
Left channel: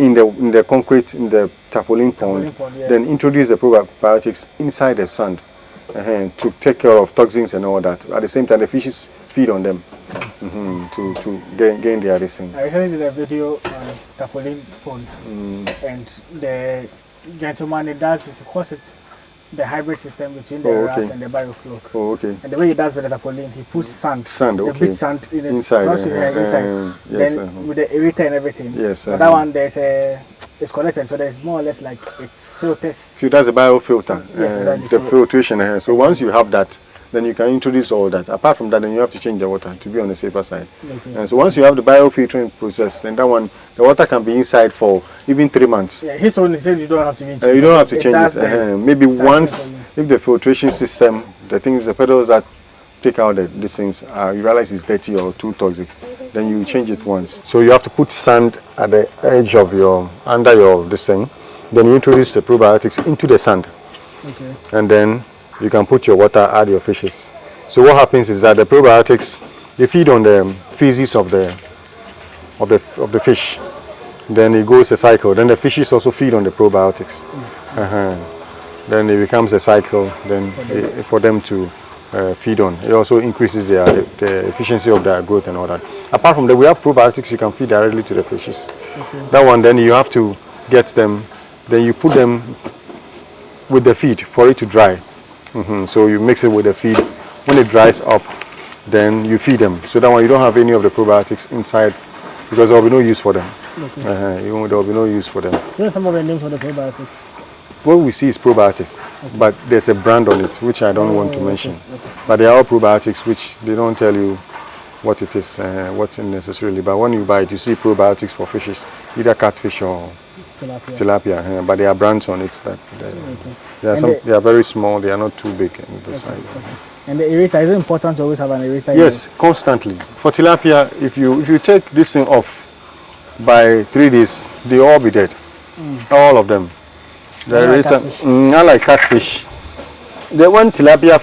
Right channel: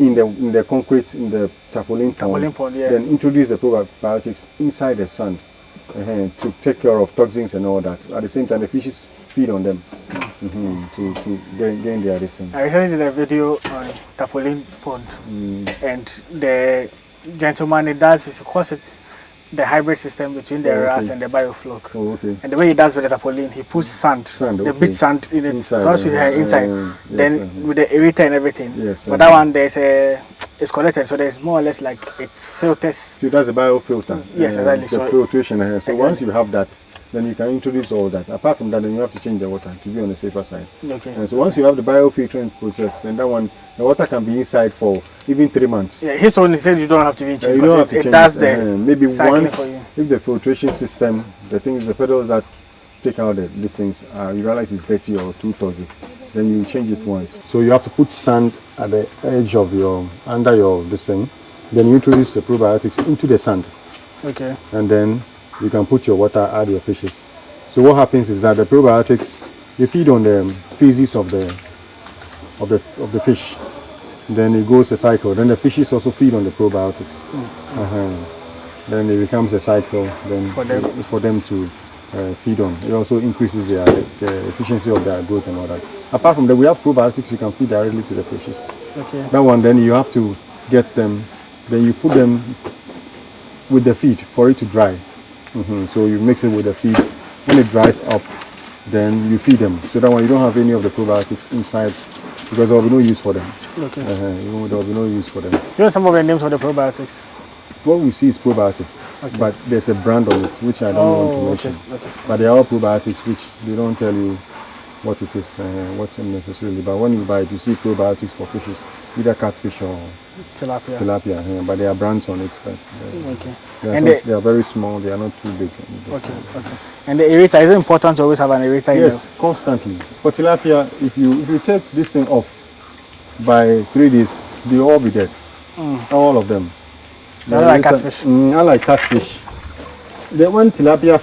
in the concrete, in the tarpaulin pond, yeah. then introduce the probiotics inside the sand to take care of toxins and all that. At the same time, the fishes feed on them to gain their listing. I recently did a video on tarpaulin pond, and the gentleman it does is because it's the hybrid system between the RAS and the biofloc. Oh, okay. And the way he does with the tarpaulin, he puts sand, the beach sand in it. Inside, so once you have inside, then with the aerator and everything. Yes. But that one it's connected, so there's more or less like it's filters. That's a biofilter. Yes, exactly. The filtration. So once you have that, then you can introduce all that. Apart from that, then you have to change the water to be on the safer side. Okay. And so once you have the biofiltering process, then that one, the water can be inside for even 3 months. Yeah, his one said you don't have to change it. You don't have to change does it. Maybe once, if the filtration system, the pedals that take out these things, you realize it's dirty or too toxic, then you change it once. So you have to put sand at the edge of under this thing. Then you introduce the probiotics into the sand. Okay. And then you can put your water, add your fishes. So what happens is that the probiotics, they feed on the feces of the fish. Then it goes a cycle. Then the fishes also feed on the probiotics. Then it becomes a cycle. Then for them to feed on. It also increases the efficiency of their growth and all that. Apart from that, we have probiotics you can feed directly to the fishes. Okay. That one, then you have to get them. Then you put them with the feed for it to dry. So you mix it with the feed When it dries up, then you feed them. So that one you don't have any of the probiotics inside because there will be no use for them. Okay. There will be no use for them. You know some of the names of the probiotics? What we see is probiotic, but there's a brand on it which I don't want to mention. Okay. But there are probiotics which they don't tell you what it is, what's necessarily. But when you buy it, you see probiotics for fishes, either catfish or tilapia. But there are brands on it that they are very small. They are not too big. Okay. And the aerator, is it important to always have an aerator? Yes, constantly. For tilapia, if you take this thing off by 3 days, they all be dead. All of them. Like catfish. Not like catfish. When tilapia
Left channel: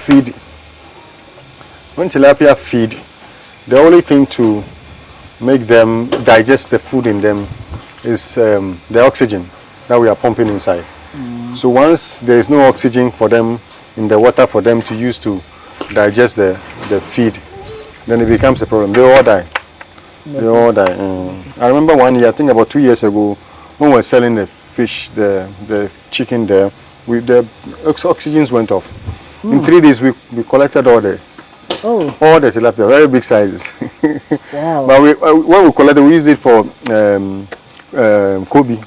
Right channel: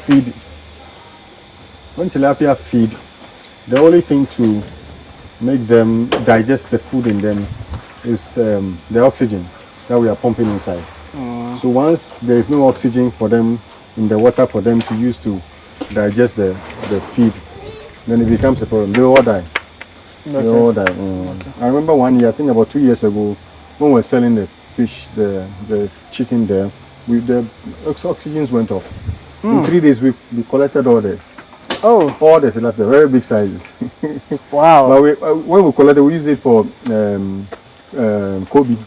feed, the only thing to make them digest the food in them is the oxygen that we are pumping inside. So once there is no oxygen for them in the water for them to use to digest the feed, then it becomes a problem. They all die. Okay. They all die. I remember one year, I think about 2 years ago, when we were selling the fish, the chicken there, the oxygens went off. In 3 days, we collected all the tilapia, very big sizes. Wow. But when we collected, we used it for Kobe.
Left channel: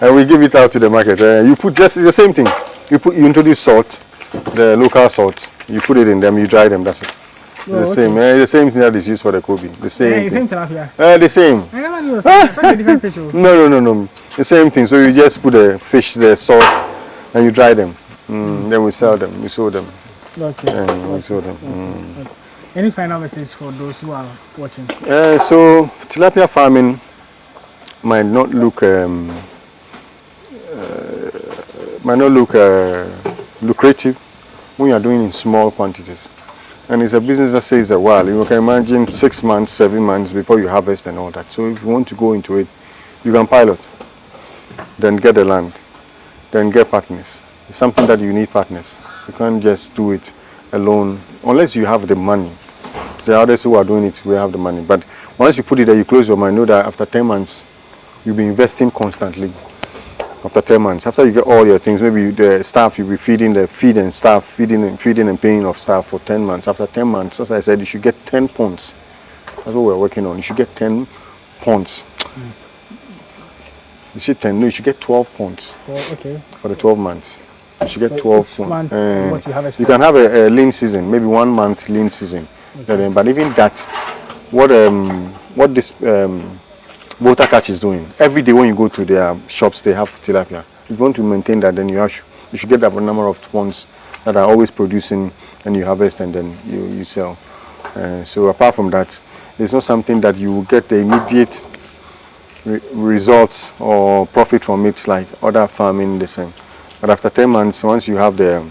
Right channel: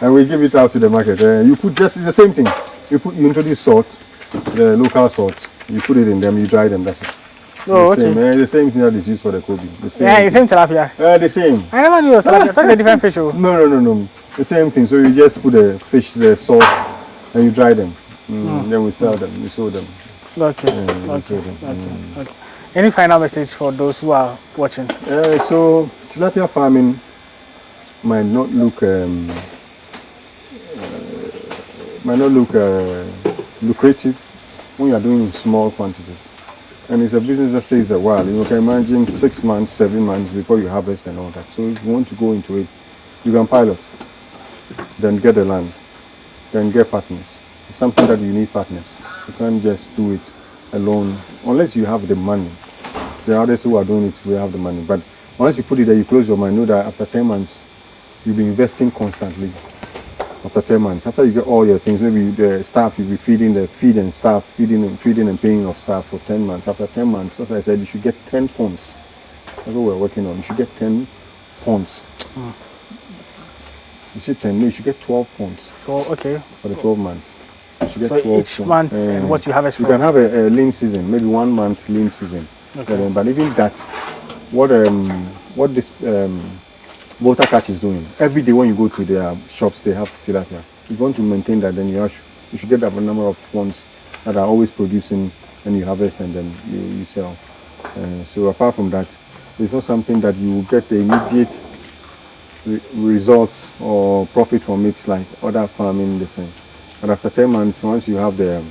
And we give it out to the market. You put it's the same thing. You introduce salt, the local salt. You put it in them, you dry them. That's it. The same thing that is used for the Kobe. The same tilapia. The same. I never knew. That's a different fish. No. The same thing. So you just put the fish, the salt, and you dry them. Then we sell them. We sold them. Okay. We sold them. Okay. Any final message for those who are watching? So tilapia farming might not look lucrative when you are doing in small quantities. And it's a business that says a while. You can imagine 6 months, 7 months before you harvest and all that. So if you want to go into it, you can pilot, then get the land, then get partners. It's something that you need partners. You can't just do it alone unless you have the money. The others who are doing it will have the money. But once you put it there, you close your mind. Know that after 10 months, you'll be investing constantly. After 10 months, after you get all your things, maybe the staff, you'll be feeding the feed and staff, feeding and paying of staff for 10 months. After 10 months, as I said, you should get 10 ponds. That's what we're working on. You should get 10 ponds. You should 10, no, you should get 12 ponds. So, okay. For the 12 months. You should get 12 each month, what you harvest. You can have a lean season, maybe 1 month lean season. Okay. But even that, what this Water Catch is doing, every day when you go to their shops, they have tilapia. If you want to maintain that, then you should get a number of ponds that are always producing, and you harvest and then you sell. So apart from that, it's not something that you will get the immediate results or profit from it like other farming the same. But after 10 months, once you have the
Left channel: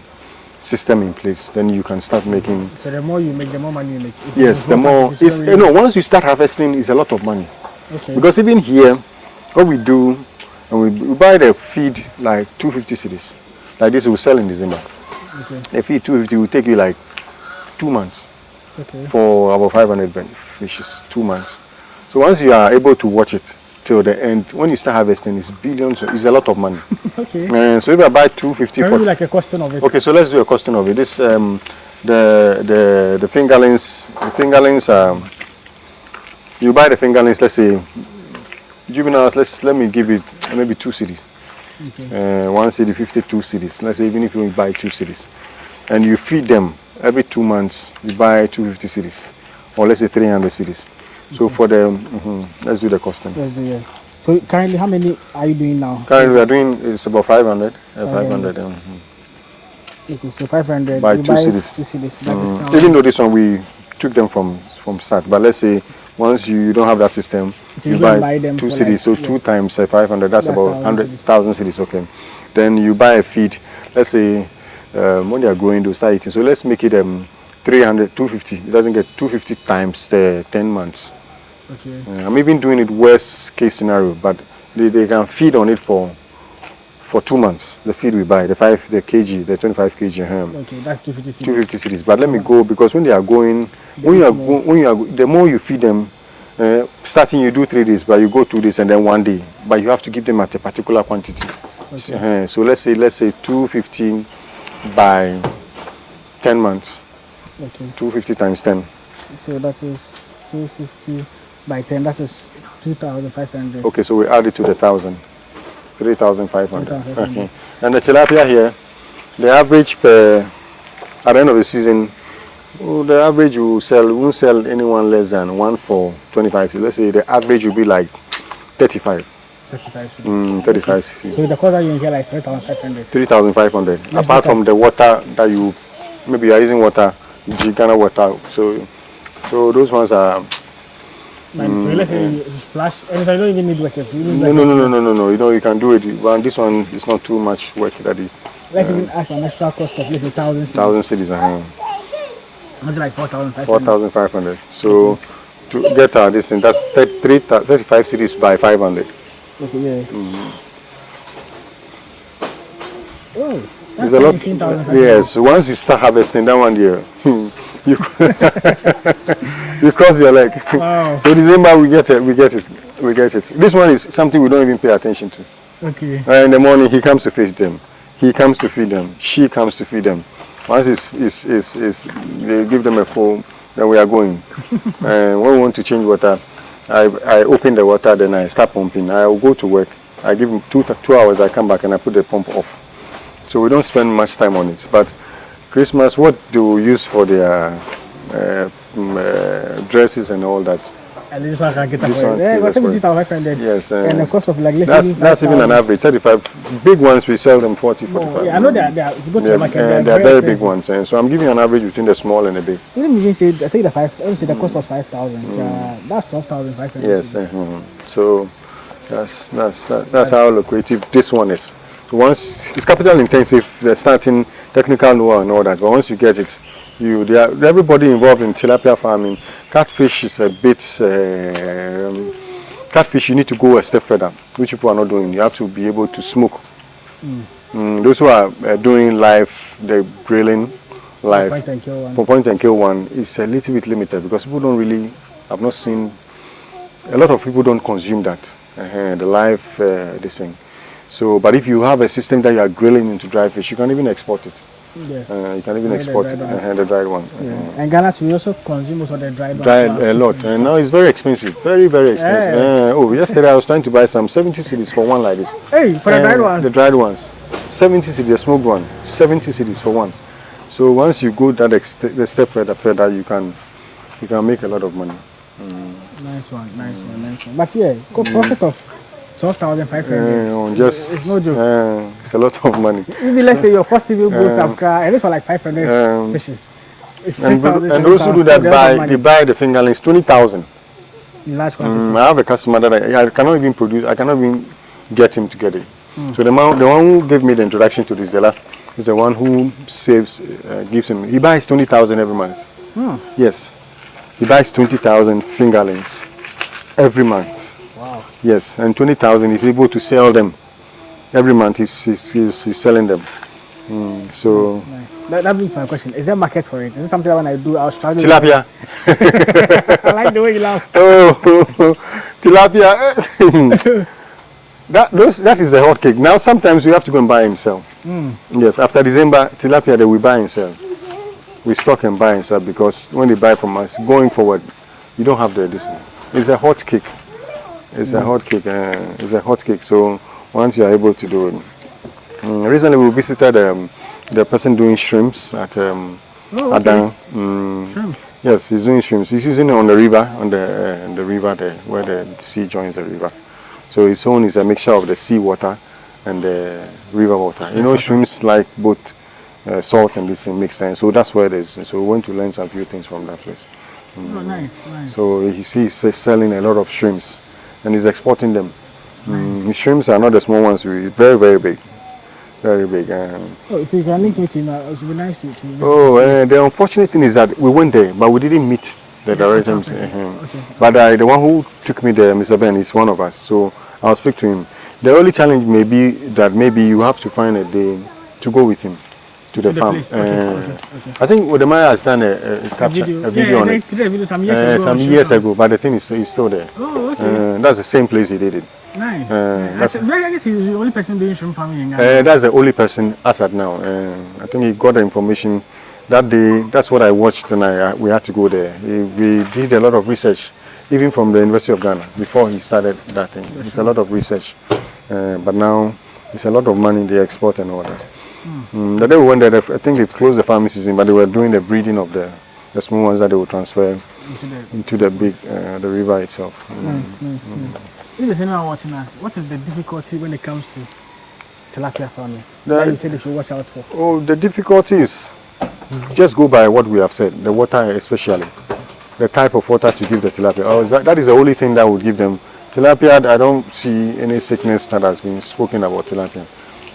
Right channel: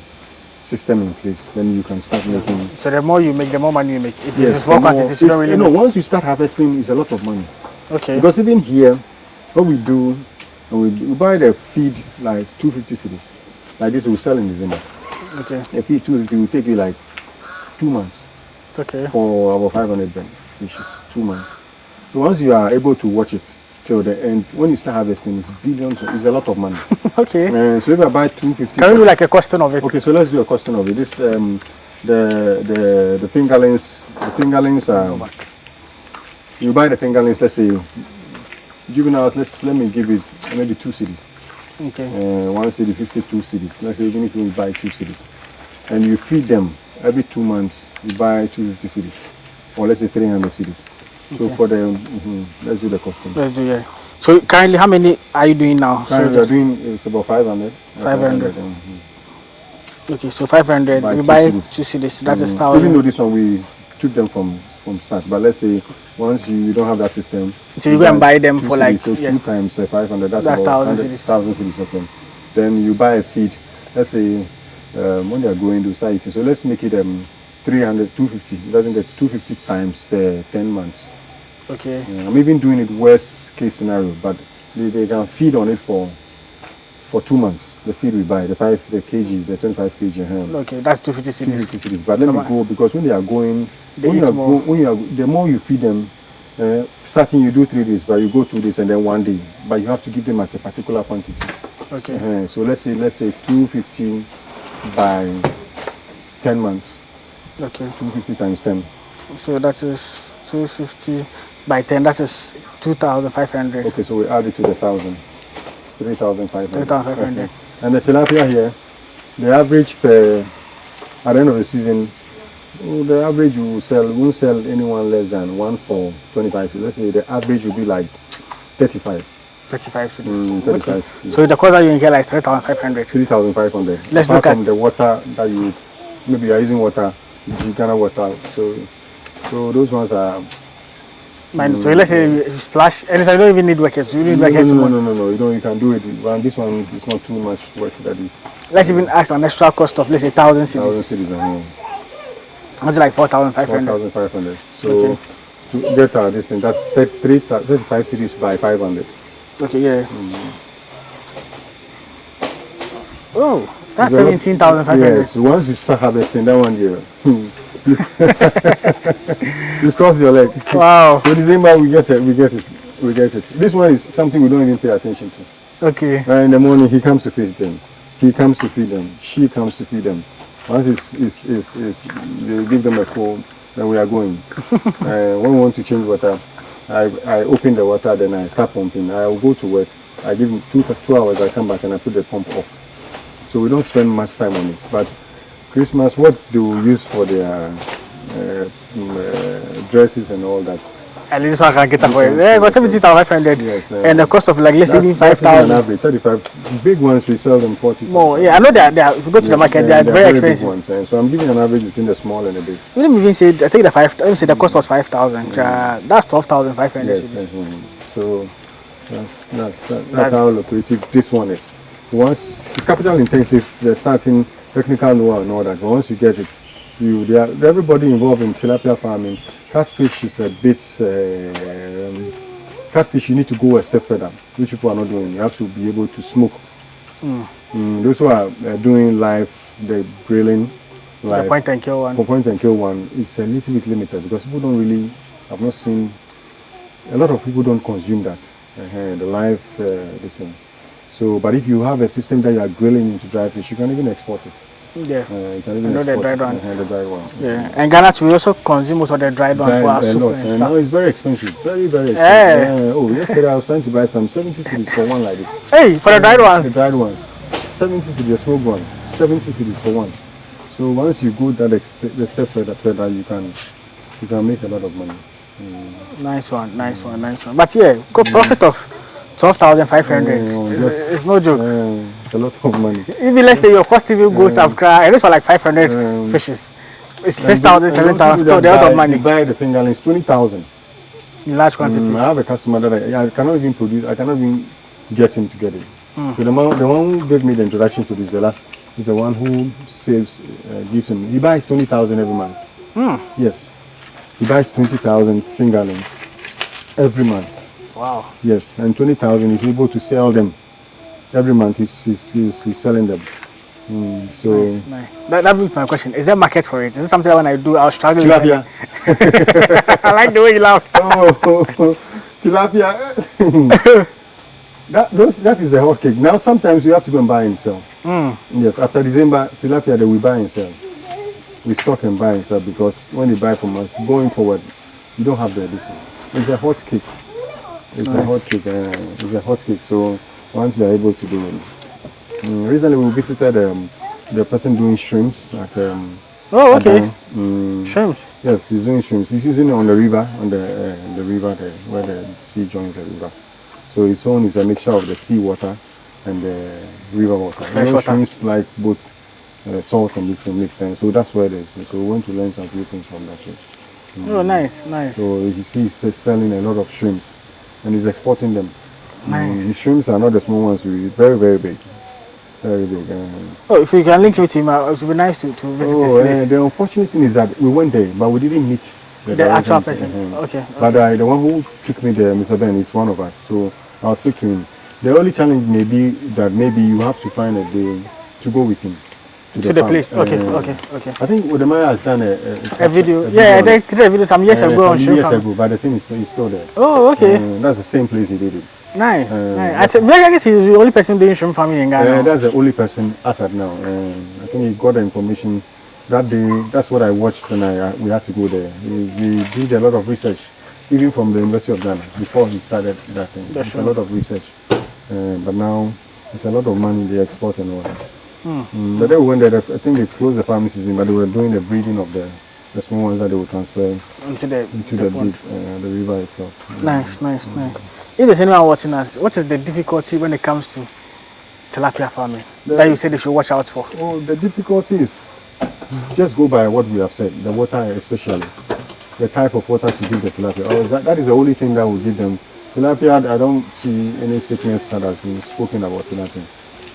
system in place, then you can start making. So the more you make, the more money you make. Yes, once you start harvesting, it's a lot of money. Okay. Because even here, what we do, and we buy the feed like 250 cedis. Like this, we sell in December. Okay. The feed 250 will take you like 2 months. Okay. For about 500 fishes, 2 months. So once you are able to watch it till the end, when you start harvesting, it's billions. It's a lot of money. Okay. So if I buy 250, can we do like a costing of it? Okay, so let's do a costing of it. This the fingerlings. The fingerlings. You buy the fingerlings. Let's say juveniles. Let me give it maybe 2 cedis. Okay. 1 cedi, 52 cedis. Let's say even if you buy 2 cedis, and you feed them every 2 months, you buy 250 cedis, or let's say 300 cedis. So for the let's do the costing. Let's do it. So currently, how many are you doing now? Currently, we are doing it's about 500. 500. Okay, so 500. Buy you 2 buy cedis. 2 cedis. That's a style. Even though this one we took them from start, but let's say once you don't have that system, so you go and buy them for cedis, like so 2 times 500. That's about 100,000 cedis. Okay. Then you buy a feed. Let's say when they are growing, they start eating. So let's make it 300, 250. It doesn't get 250 times the 10 months. Okay. I'm even doing it worst case scenario, but they can feed on it for 2 months. The feed we buy, the 25 kg. Okay, that's 250 cedis. 250 cedis. But let me go, because when they are going, the more you feed them, starting you do 3 days, but you go 2 days and then 1 day. But you have to give them at a particular quantity. Okay. So let's say 250 by 10 months. Okay. 250 times 10. So that is 250 by 10. That is 2,500. Okay, so we add it to the 1,000. 3,500. 3,500. Okay. And the tilapia here, the average per, at the end of the season, the average we won't sell anyone less than one for 25. Let's say the average will be like 35. 35 cities. 35 Okay. cities. So the cost that you incur is 3,500. 3,500. Let's Apart look from at- the water that you, maybe you are using water, Ghana water. So those ones are. So let's say you splash, and so you don't even need workers. You need workers. No. You know you can do it. But this one is not too much work that it. Let's even ask an extra cost of, let's say, 1,000 cities. 1,000 cities. That's like 4,500. 4,500. So to get our distance, that's 35 cities by 500. Okay, yeah. Oh, that's There's a lot- 17,500. Yes, once you start harvesting that one year, you you cross your leg. Wow. So December we get it. This one is something we don't even pay attention to. Okay. In the morning he comes to feed them, he comes to feed them, she comes to feed them. Once they give them a phone, then we are going. When we want to change water, I open the water, then I start pumping. I will go to work. I give them 2 hours. I come back and I put the pump off. So we don't spend much time on it. But Christmas, what do we use for their dresses and all that? At least I can get that This for you. one, Yeah, it was yes, 17,500. Yes. And the cost of, like, let's say, That's even an 5,000. average. 35. Big ones we sell them 40. Oh, 45. yeah, I know that if you go to the market, they're very big expensive. ones. So I'm giving you an average between the small and the big. You didn't even say, I think let me say the cost was 5,000. That's 12,500. Yes. So that's how lucrative this one is. Once it's capital intensive, the starting technical know-how and all that. But once you get it, everybody involved in tilapia farming. Catfish is a bit. Catfish, you need to go a step further, which people are not doing. You have to be able to smoke. Those who are doing live, the grilling, live. Point and kill one. For point and kill one is a little bit limited because people don't really. I've not seen. A lot of people don't consume that. The live this thing. So, but if you have a system that you are grilling into dry fish, you can even export it. Yeah. You can even the export dried it. one. The dried one. Yeah. And Ghana too, we also consume most of the dried ones. Dried for our a soup lot. and And stuff. now it's very expensive. Very, very expensive. Yesterday I was trying to buy some 70 cedis for one like this. Hey, for the dried ones. The dried ones. 70 cedis, the smoked one. 70 cedis for one. So once you go that the step further, you can make a lot of money. Nice one. But yeah, profit of 12,500. It's no joke. It's a lot of money. Even let's say your cost even goes Accra, and it's for like 500 fishes. It's 6,000, 7,000. Still a lot of money. You buy the fingerlings 20,000 in large quantities. I have a customer that I cannot even produce. I cannot even get him to get it. So the one who gave me the introduction to this dealer is the one who gives him. He buys 20,000 every month. Yes, he buys 20,000 fingerlings every month. Wow. Yes, and 20,000 he's able to sell them every month. He's selling them. So Nice. That brings my question. Is there market for it? Is it something that when I do, I'll struggle? tilapia. I like the way you laugh. Tilapia. That is a hot cake. Now sometimes we have to go and buy and sell. Yes, after December, tilapia that we buy and sell. We stock and buy and sell because when they buy from us, going forward, you don't have this. It's a hot cake. It's a hot cake. It's a hot cake. So once you are able to do it. Recently we visited the person doing shrimps at Oh, okay. Adan. Shrimps. Yes, he's doing shrimps. He's using it on the river, the river there, where the sea joins the river. So his own is a mixture of the sea water and the river water. Shrimps like both salt and this thing mixed in. So that's where it is. So we went to learn some few things from that place. Oh, nice. So he's selling a lot of shrimps and he's exporting them. Nice. The shrimps are not the small ones, very, very big. Very big. If you can link me to him, it would be nice to visit this place. The unfortunate thing is that we went there, but we didn't meet the actual directors. person. Okay. But the one who took me there, Mr. Ben, is one of us. So I'll speak to him. The only challenge may be that maybe you have to find a day to go with him to the farm. Place. Okay. I think Udemaya has done a video. They did a video some years ago. Some years ago, but the thing is he's still there. Oh, okay. That's the same place he did it. Nice. I guess he's the only person doing shrimp farming in Ghana. That's the only person as at now. I think he got the information that day, that's what I watched, and we had to go there. We did a lot of research, even from the University of Ghana, before he started that thing. It's a lot of research, but now it's a lot of money they export and all that. The day we went there, I think they closed the farming season, but they were doing the breeding of the small ones that they would transfer into the big the river itself. Nice. If there's anyone watching us, what is the difficulty when it comes to tilapia farming that you said they should watch out for? Oh, the difficulty is just go by what we have said, the water especially, the type of water to give the tilapia. That is the only thing that will give them. Tilapia, I don't see any sickness that has been spoken about tilapia,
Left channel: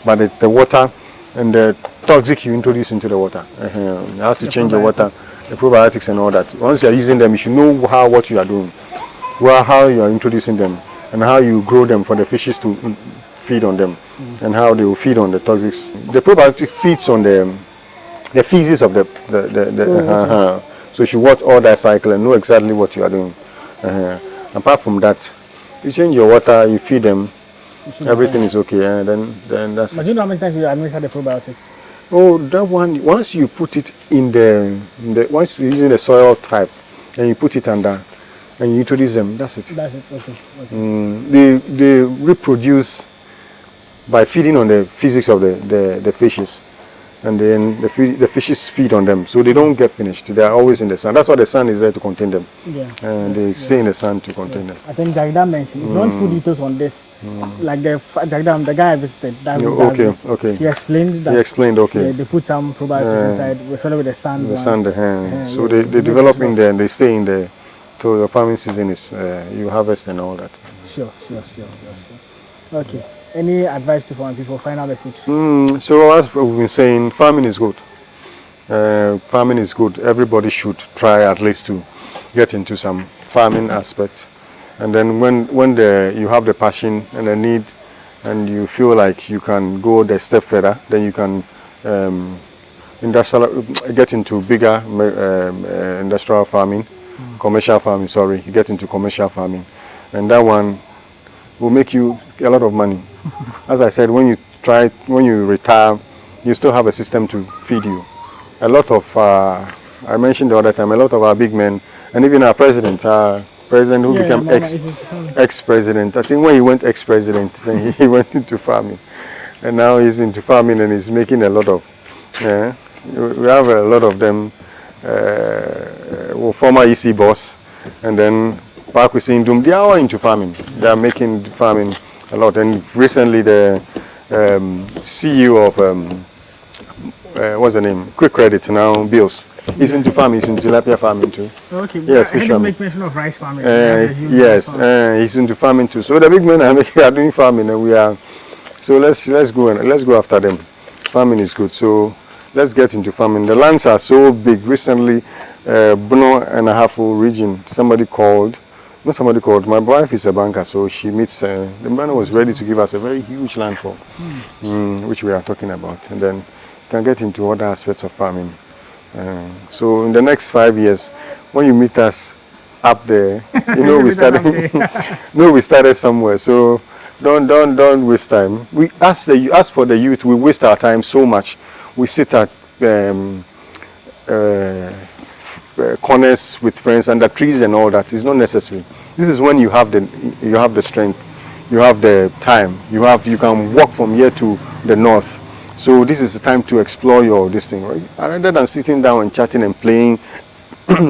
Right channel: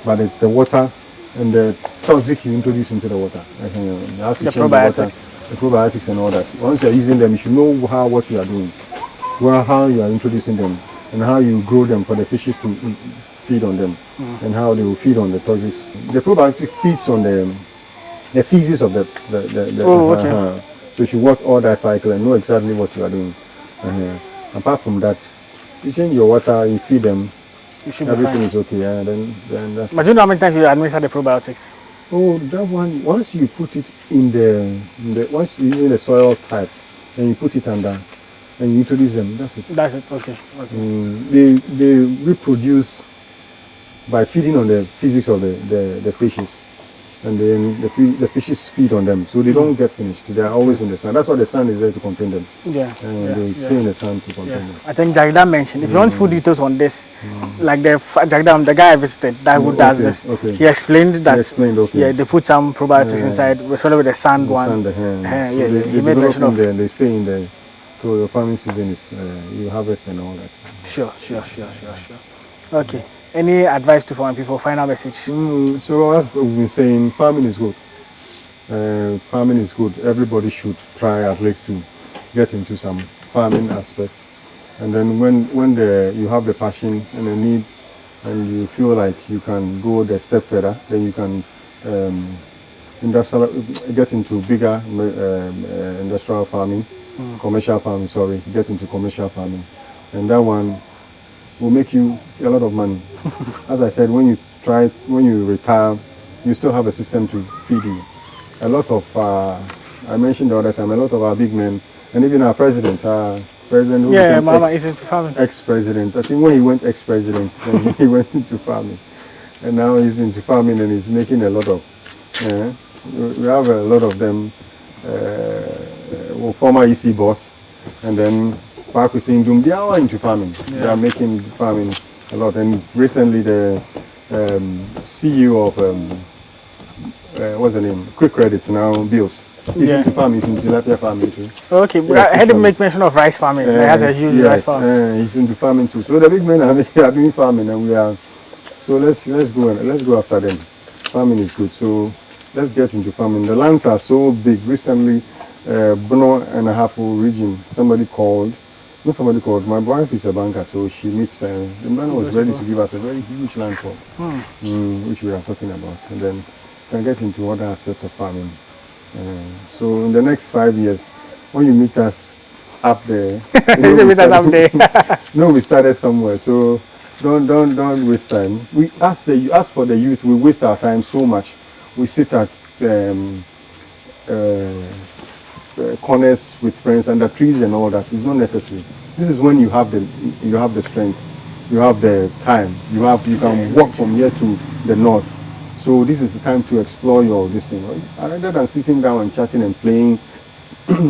but the water and the toxic you introduce into the water. You have to change the water, the probiotics and all that. Once you are using them, you should know what you are doing, how you are introducing them, and how you grow them for the fishes to feed on them, and how they will feed on the toxics. The probiotic feeds on the feces of the so you should watch all that cycle and know exactly what you are doing. Apart from that, you change your water, you feed them, everything is okay, and then that's. But do you know how many times you administer the probiotics? Oh, that one. Once you put it in once you're using the soil type, and you put it under, and you introduce them, that's it. That's it. Okay. They reproduce by feeding on the physics of the fishes, and then the fishes feed on them, so they don't get finished. They are always in the sun. That's why the sun is there to contain them. They stay in the sun to contain them. I think Jagda mentioned, if you want full details on this, like the guy I visited, who does this, he explained that. He explained, they put some probiotics inside, especially with the sand one. So they develop in there and they stay in there. So your farming season is you harvest and all that. Sure. Okay. Any advice to foreign people? Final message. So as we've been saying, farming is good. Farming is good. Everybody should try at least to get into some farming aspect. And then when you have the passion and the need, and you feel like you can go the step further, then you can get into bigger industrial farming, commercial farming. Sorry, you get into commercial farming, and that one will make you a lot of money. As I said, when you retire, you still have a system to feed you. A lot of, I mentioned the other time, a lot of our big men, and even our president who became ex-president. I think when he went ex-president, then he went into farming. And now he's into farming and he's making a lot of, we have a lot of them, former EC boss, and then Park we see they are into farming. They are making farming a lot. And recently the CEO of what's the name? Quick Credit now, Bills. He's into farming. He's into tilapia farming too. Okay, yes, I had to make mention of rice farming. That's a huge rice farm. He's into farming too. So the big men are doing farming, and we are. So let's go after them. Farming is good. So let's get into farming. The lands are so big. Recently, Bono and a half region. My wife is a banker, so she meets. The man was ready to give us a very huge land for, which we are talking about, and then can get into other aspects of farming. So in the next 5 years, when you meet us up there, we started somewhere. So don't waste time. We ask for the youth. We waste our time so much. We sit at corners with friends under trees and all that. It's not necessary. This is when you have the strength, you have the time, you can walk from here to the north. So this is the time to explore this thing, right? Rather than sitting down and chatting and playing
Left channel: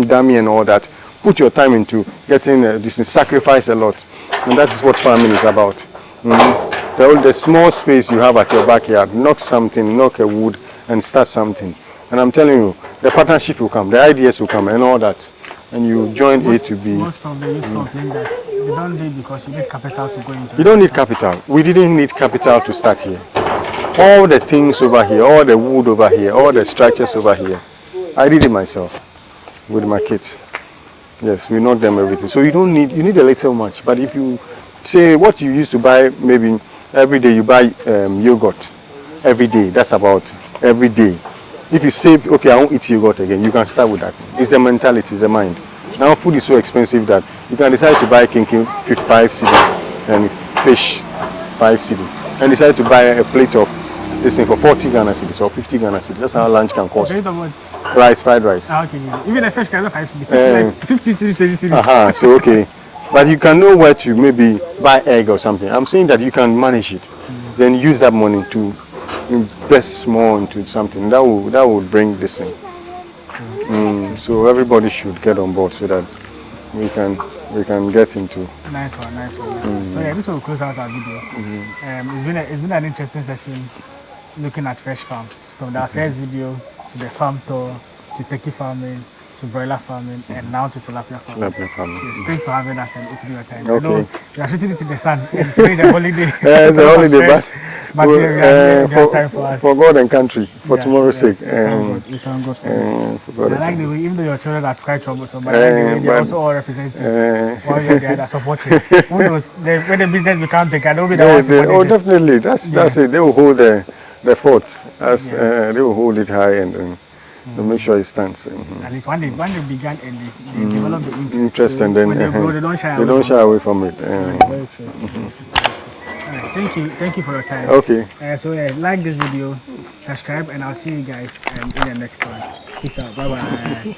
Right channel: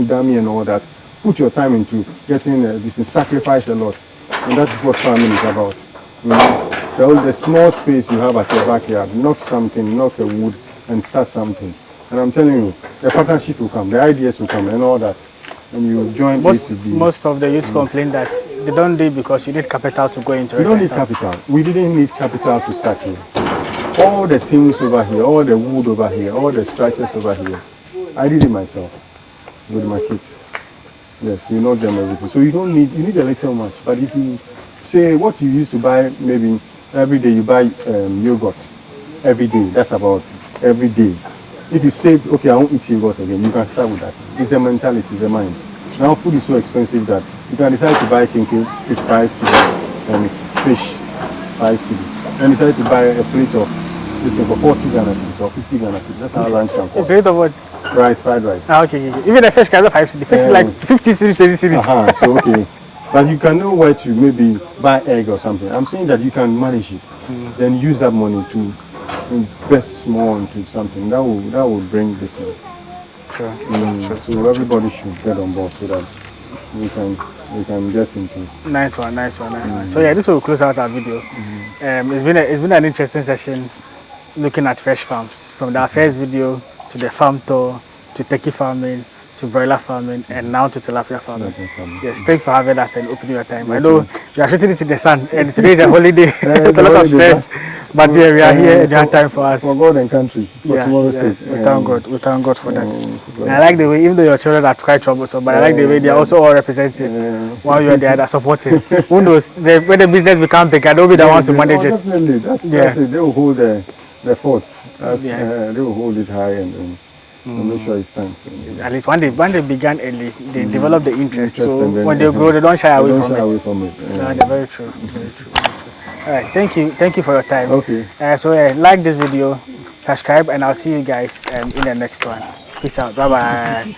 dummy and all that, put your time into getting this and sacrifice a lot. And that is what farming is about. The small space you have at your backyard, knock a wood and start something. And I'm telling you, the partnership will come, the ideas will come and all that. And you join A to B. Most of the youth complain that they don't do it because you need capital to go into it. You don't need capital. We didn't need capital to start here. All the things over here, all the wood over here, all the structures over here, I did it myself with my kids. Yes, we know them everything. So you need a little much. But if you say what you used to buy, maybe every day you buy yogurt every day, that's about every day. If you say, okay, I won't eat yogurt again, you can start with that. It's a mentality, it's a mind. Now food is so expensive that you can decide to buy kinky 5 cedi and fish 5 cedi, and decide to buy a plate of this thing for 40 Ghana cedis or 50 Ghana cedis. That's how lunch can cost. Rate of what? Rice, fried rice. Okay. Even the fish can 5 cedis. The fish is like 50 cedis, 20 cedis. So okay. But you can know where to maybe buy egg or something. I'm saying that you can manage it. Then use that money to invest more into something. That will bring this in. Sure. So everybody should get on board so that we can get into. Nice one. So yeah, this will close out our video. It's been an interesting session looking at fresh farms, from the first video to the farm tour to turkey farming to broiler farming and now to tilapia farming. Yes, thanks for having us and opening your time. I know you are shooting it in the sun and today is a holiday. It's a holiday, but yeah, we are here. You have time for us. For God and country, for tomorrow's sake. We thank God for that. I like the way, even though your children are quite troublesome, but I like the way they are also all representing one way or the other, supporting. Who knows, when the business becomes big, I don't be the ones to manage it. Definitely, that's it. They will hold the fort. They will hold it high and make sure it stands. At least when they began early, they develop the interest. So and then, when they grow, they don't shy away from it. Very true. All right, thank you for your time. Okay. So like this video, subscribe, and I'll see you guys in the next one. Peace out. Bye bye.